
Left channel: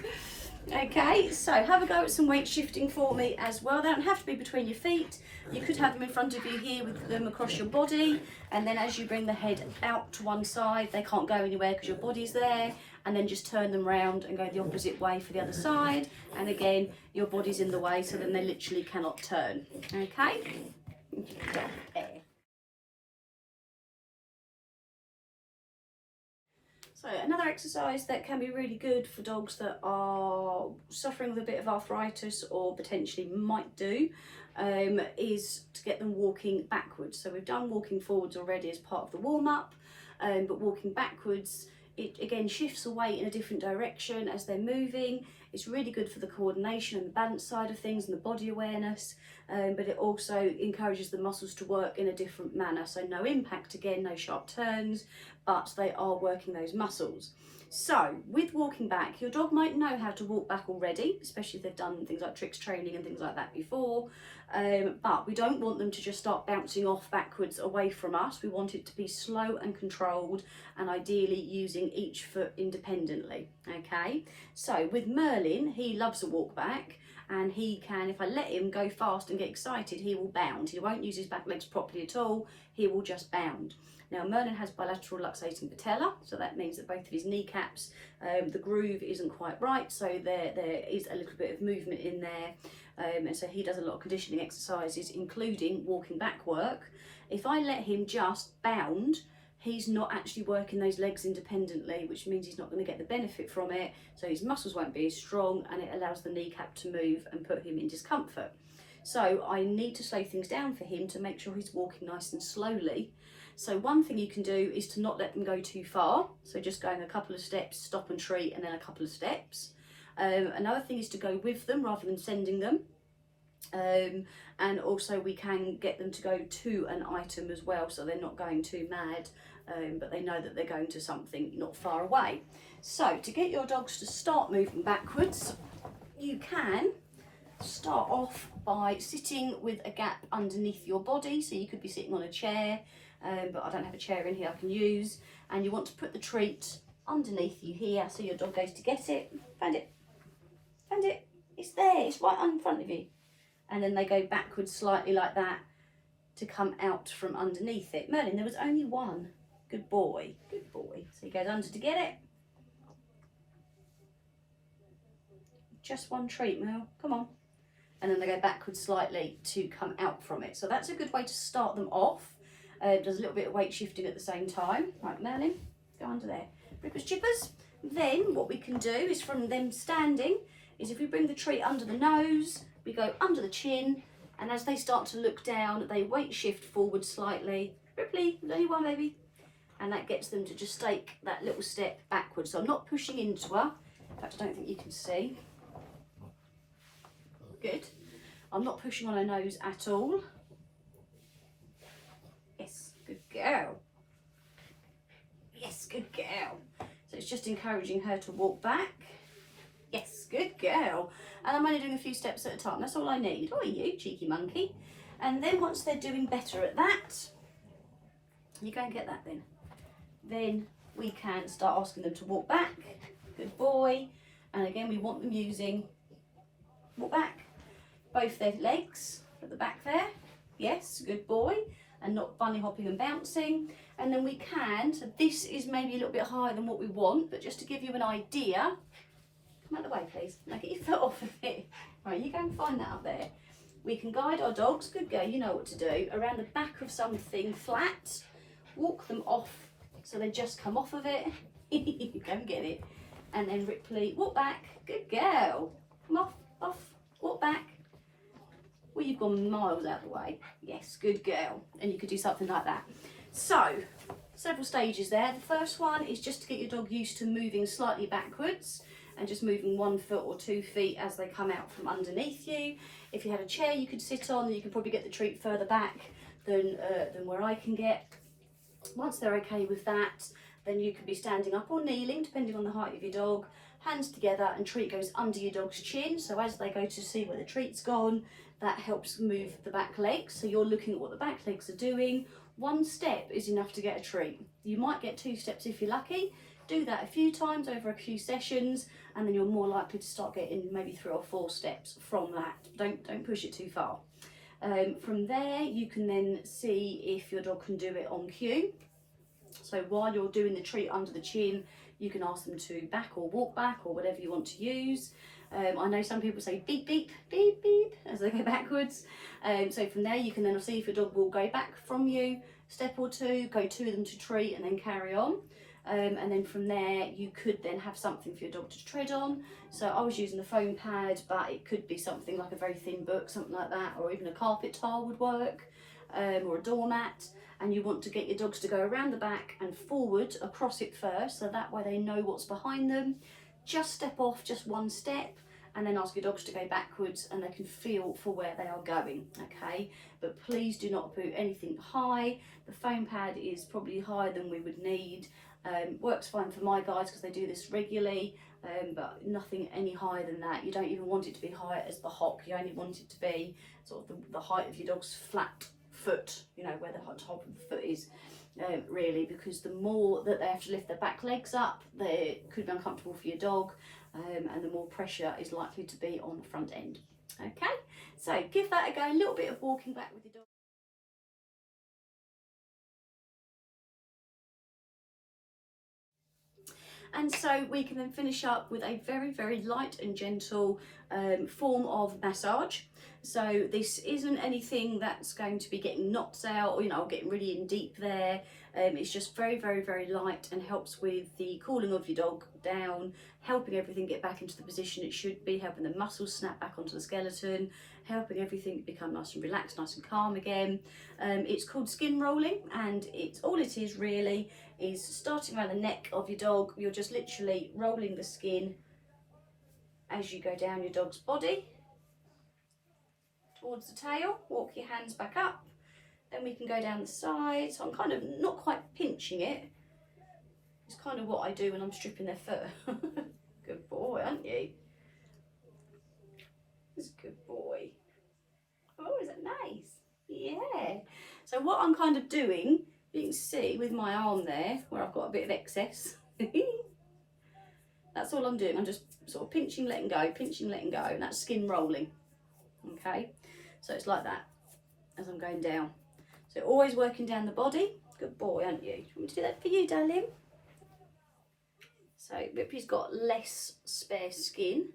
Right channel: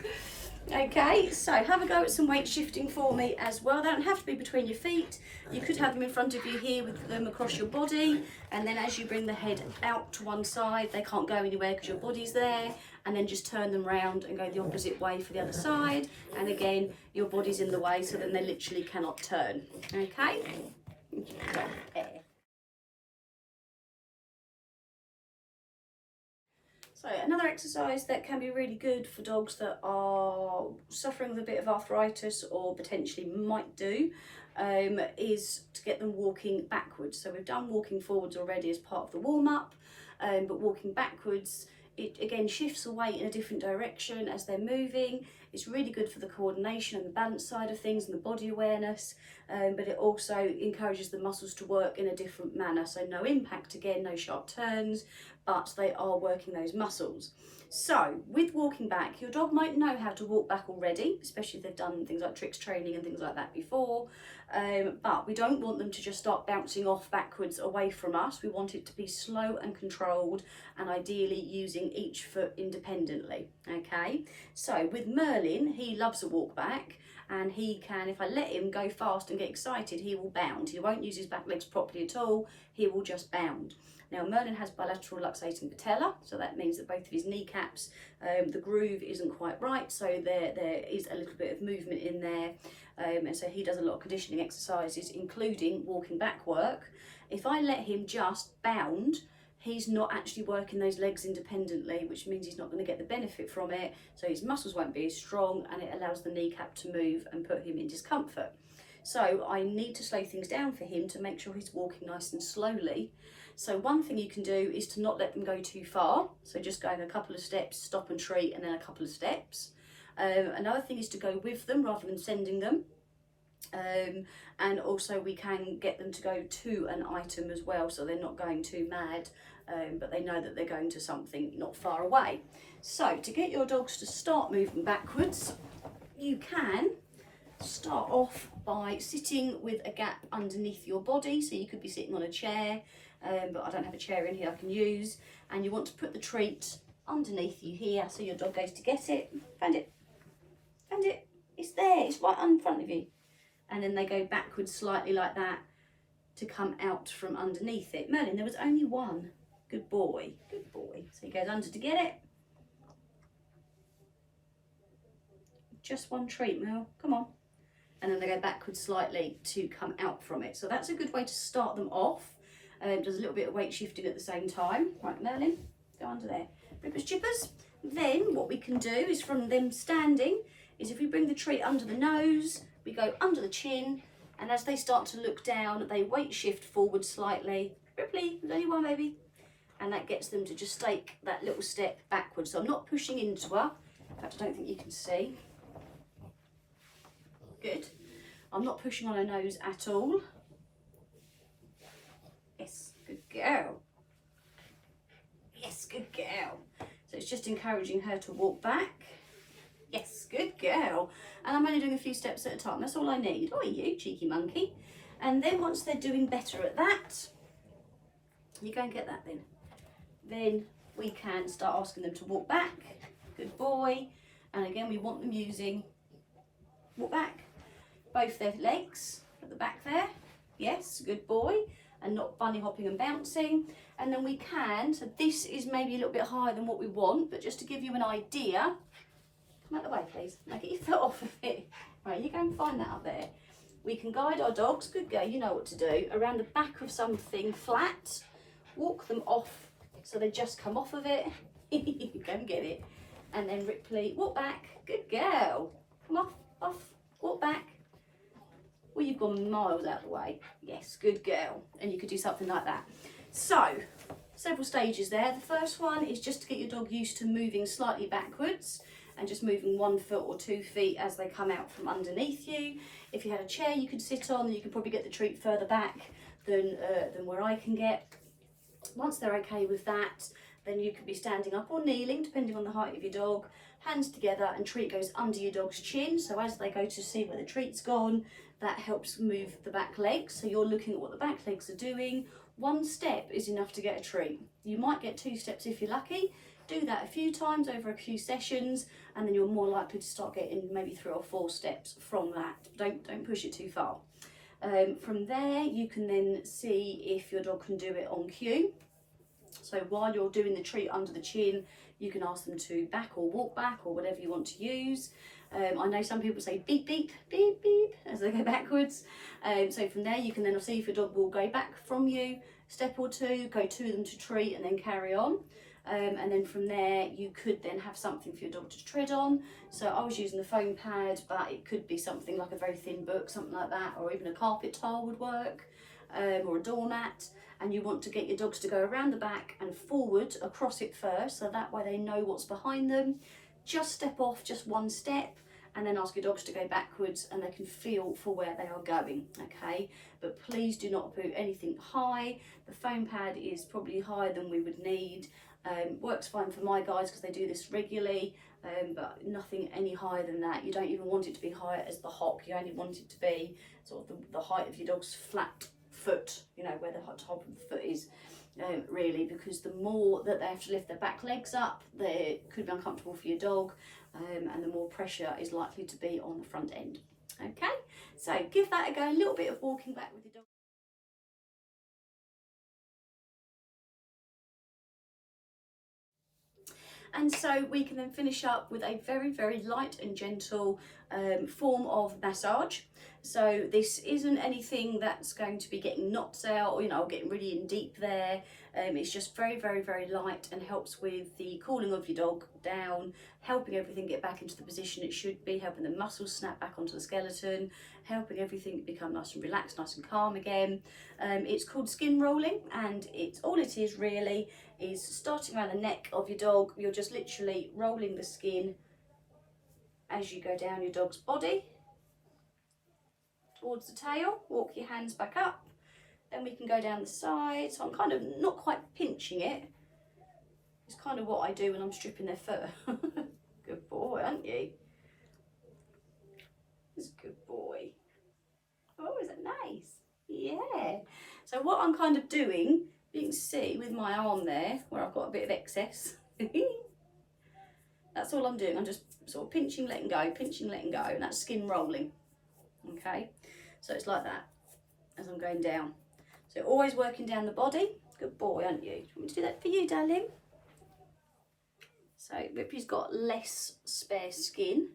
Okay, so have a go at some weight shifting for me as well. They don't have to be between your feet. You could have them in front of you here with them across your body, and then as you bring the head out to one side, they can't go anywhere because your body's there, and then just turn them round and go the opposite way for the other side, and again your body's in the way, so then they literally cannot turn. Okay. So another exercise that can be really good for dogs that are suffering with a bit of arthritis or potentially might do is to get them walking backwards. So we've done walking forwards already as part of the warm-up, but walking backwards, it again shifts away in a different direction as they're moving. It's really good for the coordination and the balance side of things and the body awareness, but it also encourages the muscles to work in a different manner. So no impact again, no sharp turns, but they are working those muscles. So with walking back, your dog might know how to walk back already, especially if they've done things like tricks training and things like that before, but we don't want them to just start bouncing off backwards away from us. We want it to be slow and controlled, and ideally using each foot independently. Okay, so with Merlin, he loves a walk back, and he can, if I let him go fast and get excited, he will bound. He won't use his back legs properly at all, he will just bound. Now Merlin has bilateral luxating patella, so that means that both of his kneecaps, the groove isn't quite right, so there is a little bit of movement in there, and so he does a lot of conditioning exercises, including walking back work. If I let him just bound, he's not actually working those legs independently, which means he's not going to get the benefit from it, so his muscles won't be as strong, and it allows the kneecap to move and put him in discomfort. So I need to slow things down for him to make sure he's walking nice and slowly. So one thing you can do is to not let them go too far. So just going a couple of steps, stop and treat, and then a couple of steps. Another thing is to go with them rather than sending them. And also we can get them to go to an item as well, so they're not going too mad, but they know that they're going to something not far away. So to get your dogs to start moving backwards, you can start off by sitting with a gap underneath your body. So you could be sitting on a chair, but I don't have a chair in here I can use, and you want to put the treat underneath you here, so your dog goes to get it. Found it, found it, it's there, it's right in front of you, and then they go backwards slightly like that to come out from underneath it. Merlin, there was only one. Good boy, good boy. So he goes under to get it. Just one treat, Mel, come on. And then they go backwards slightly to come out from it. So that's a good way to start them off. Does a little bit of weight shifting at the same time. Right, Merlin, go under there. Rippers chippers. Then what we can do is, from them standing, is if we bring the treat under the nose, we go under the chin, and as they start to look down, they weight shift forward slightly. Ripley, there's only one baby. And that gets them to just take that little step backwards. So I'm not pushing into her. In fact, I don't think you can see. Good. I'm not pushing on her nose at all. Yes, good girl. Yes, good girl. So it's just encouraging her to walk back. Yes, good girl. And I'm only doing a few steps at a time. That's all I need. Oh, you cheeky monkey. And then once they're doing better at that, you go and get that then. Then we can start asking them to walk back. Good boy. And again, we want them using walk back. Both their legs at the back there. Yes, good boy. And not bunny hopping and bouncing. And then we can, so this is maybe a little bit higher than what we want, but just to give you an idea, come out the way please, now get your foot off of it. Right, you go and find that up there. We can guide our dogs, good girl, you know what to do, around the back of something flat, walk them off so they just come off of it. Go and get it. And then Ripley, walk back, good girl. Come off, walk back. Well, you've gone miles out the way. Yes, good girl. And you could do something like that. So, several stages there. The first one is just to get your dog used to moving slightly backwards and just moving 1 foot or 2 feet as they come out from underneath you. If you had a chair you could sit on, then you can probably get the treat further back than where I can get. Once they're okay with that, then you could be standing up or kneeling, depending on the height of your dog. Hands together, and treat goes under your dog's chin. So as they go to see where the treat's gone, that helps move the back legs. So you're looking at what the back legs are doing. 1 step is enough to get a treat. You might get 2 steps if you're lucky. Do that a few times over a few sessions, and then you're more likely to start getting maybe 3 or 4 steps from that. Don't push it too far. From there, you can then see if your dog can do it on cue. So while you're doing the treat under the chin, you can ask them to back or walk back or whatever you want to use. I know some people say beep, beep, beep, beep as they go backwards. So from there, you can then see if your dog will go back from you, step or 2, go to them to treat and then carry on. and then from there you could then have something for your dog to tread on. So I was using the foam pad, but it could be something like a very thin book, something like that, or even a carpet tile would work, or a doormat. And you want to get your dogs to go around the back and forward across it first, so that way they know what's behind them. Just step off just one step, and then ask your dogs to go backwards and they can feel for where they are going, okay? But please do not put anything high. The foam pad is probably higher than we would need. Works fine for my guys because they do this regularly, but nothing any higher than that. You don't even want it to be high as the hock. You only want it to be sort of the height of your dog's flat foot, you know, where the top of the foot is, really, because the more that they have to lift their back legs up, they could be uncomfortable for your dog, and the more pressure is likely to be on the front end. Okay, so give that a go, a little bit of walking back with your dog. And so we can then finish up with a very, very light and gentle form of massage. So this isn't anything that's going to be getting knots out, or, you know, getting really in deep there. It's just very, very, very light and helps with the cooling of your dog down, helping everything get back into the position it should be, helping the muscles snap back onto the skeleton, helping everything become nice and relaxed, nice and calm again. It's called skin rolling, and all it is really is starting around the neck of your dog. You're just literally rolling the skin as you go down your dog's body towards the tail. Walk your hands back up, then we can go down the side. So I'm kind of not quite pinching it. It's kind of what I do when I'm stripping their fur. Good boy, aren't you? It's a good boy. Oh, is it nice? Yeah. So what I'm kind of doing, you can see with my arm there where I've got a bit of excess. That's all I'm doing. I'm just sort of pinching, letting go, pinching, letting go, and that's skin rolling. Okay, so it's like that as I'm going down. So always working down the body. Good boy, aren't you? Do you want me to do that for you, darling? So Ripley's got less spare skin,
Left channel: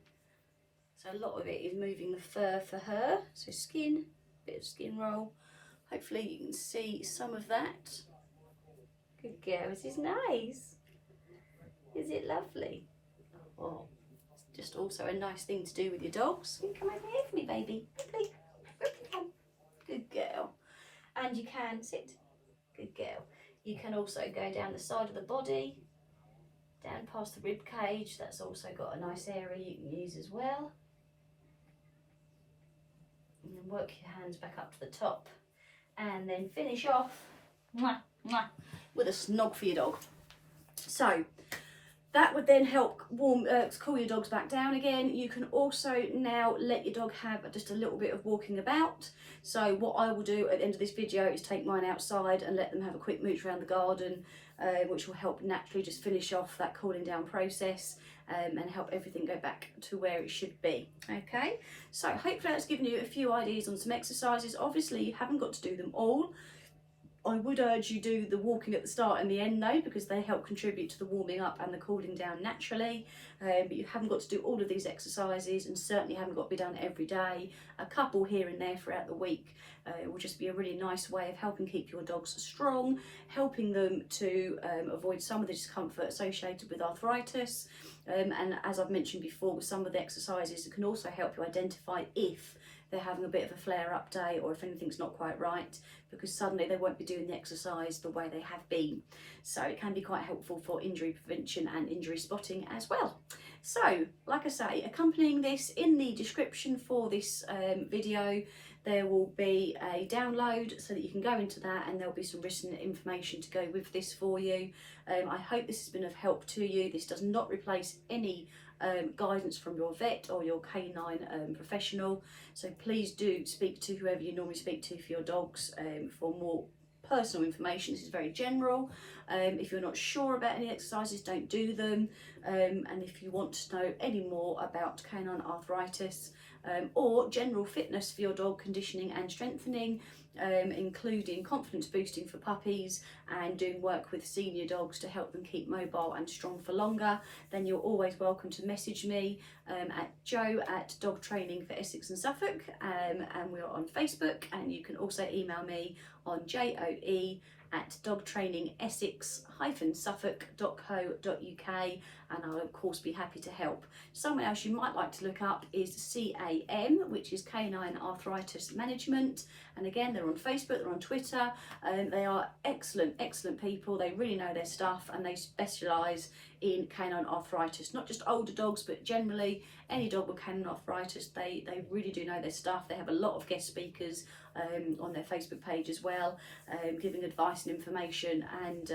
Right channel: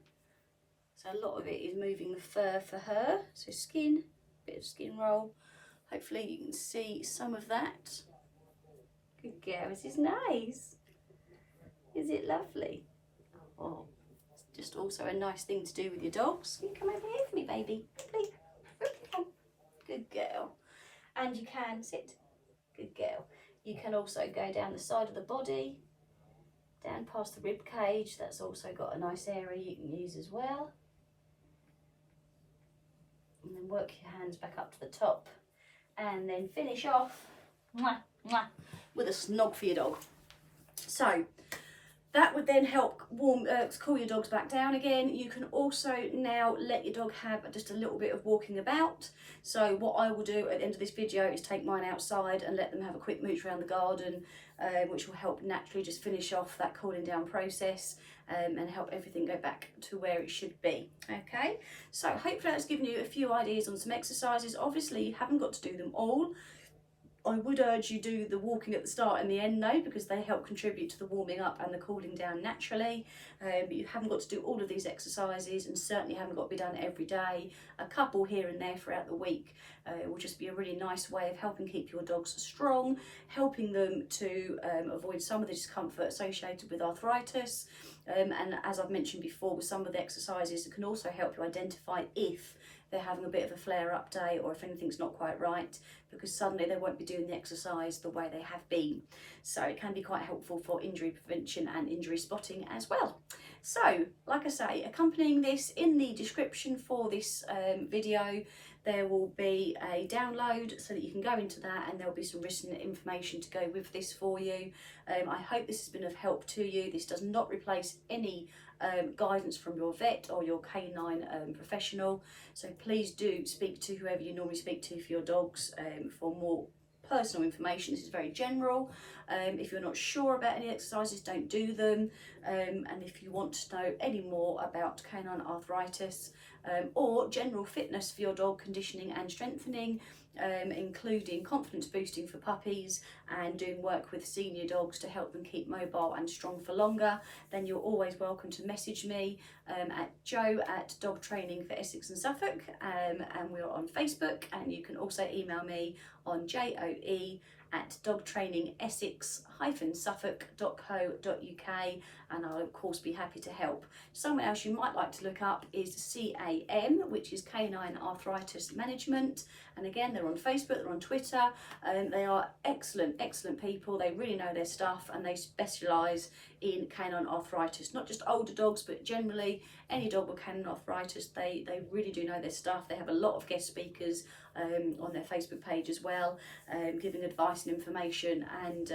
so a lot of it is moving the fur for her. So skin, bit of skin roll. Hopefully you can see some of that. Good girl, this is nice. Is it lovely? Oh, it's just also a nice thing to do with your dogs. You come over here for me, baby. Ripley, Ripley, come. Good girl. And you can sit. Good girl. You can also go down the side of the body, down past the rib cage. That's also got a nice area you can use as well. And then work your hands back up to the top, and then finish off with a snog for your dog. So that would then help cool your dogs back down again. You can also now let your dog have just a little bit of walking about. So what I will do at the end of this video is take mine outside and let them have a quick mooch around the garden, which will help naturally just finish off that cooling down process, and help everything go back to where it should be. Okay, so hopefully that's given you a few ideas on some exercises. Obviously you haven't got to do them all. I would urge you do the walking at the start and the end though, because they help contribute to the warming up and the cooling down naturally. But you haven't got to do all of these exercises, and certainly haven't got to be done every day. A couple here and there throughout the week will just be a really nice way of helping keep your dogs strong, helping them to avoid some of the discomfort associated with arthritis. And as I've mentioned before, with some of the exercises, it can also help you identify if they're having a bit of a flare-up day or if anything's not quite right, because suddenly they won't be doing the exercise the way they have been. So it can be quite helpful for injury prevention and injury spotting as well. So, like I say, accompanying this in the description for this video, there will be a download so that you can go into that, and there'll be some written information to go with this for you. I hope this has been of help to you. This does not replace any guidance from your vet or your canine professional, so please do speak to whoever you normally speak to for your dogs for more personal information. This is very general. If you're not sure about any exercises, don't do them, and if you want to know any more about canine arthritis or general fitness for your dog, conditioning and strengthening, including confidence boosting for puppies and doing work with senior dogs to help them keep mobile and strong for longer, then you're always welcome to message me at Jo@Dog Training for Essex and Suffolk, and we're on Facebook, and you can also email me on JOE@dogtrainingessex canine-suffolk.co.uk, and I'll of course be happy to help. Someone else you might like to look up is CAM, which is Canine Arthritis Management, and again they're on Facebook, they're on Twitter, and they are excellent people. They really know their stuff and they specialise in canine arthritis, not just older dogs but generally any dog with canine arthritis. They really do know their stuff. They have a lot of guest speakers on their Facebook page as well, giving advice and information, and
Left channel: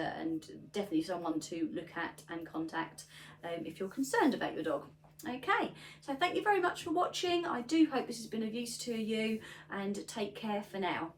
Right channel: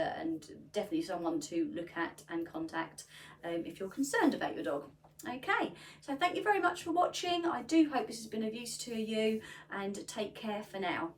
definitely someone to look at and contact if you're concerned about your dog. Okay, so thank you very much for watching. I do hope this has been of use to you, and take care for now.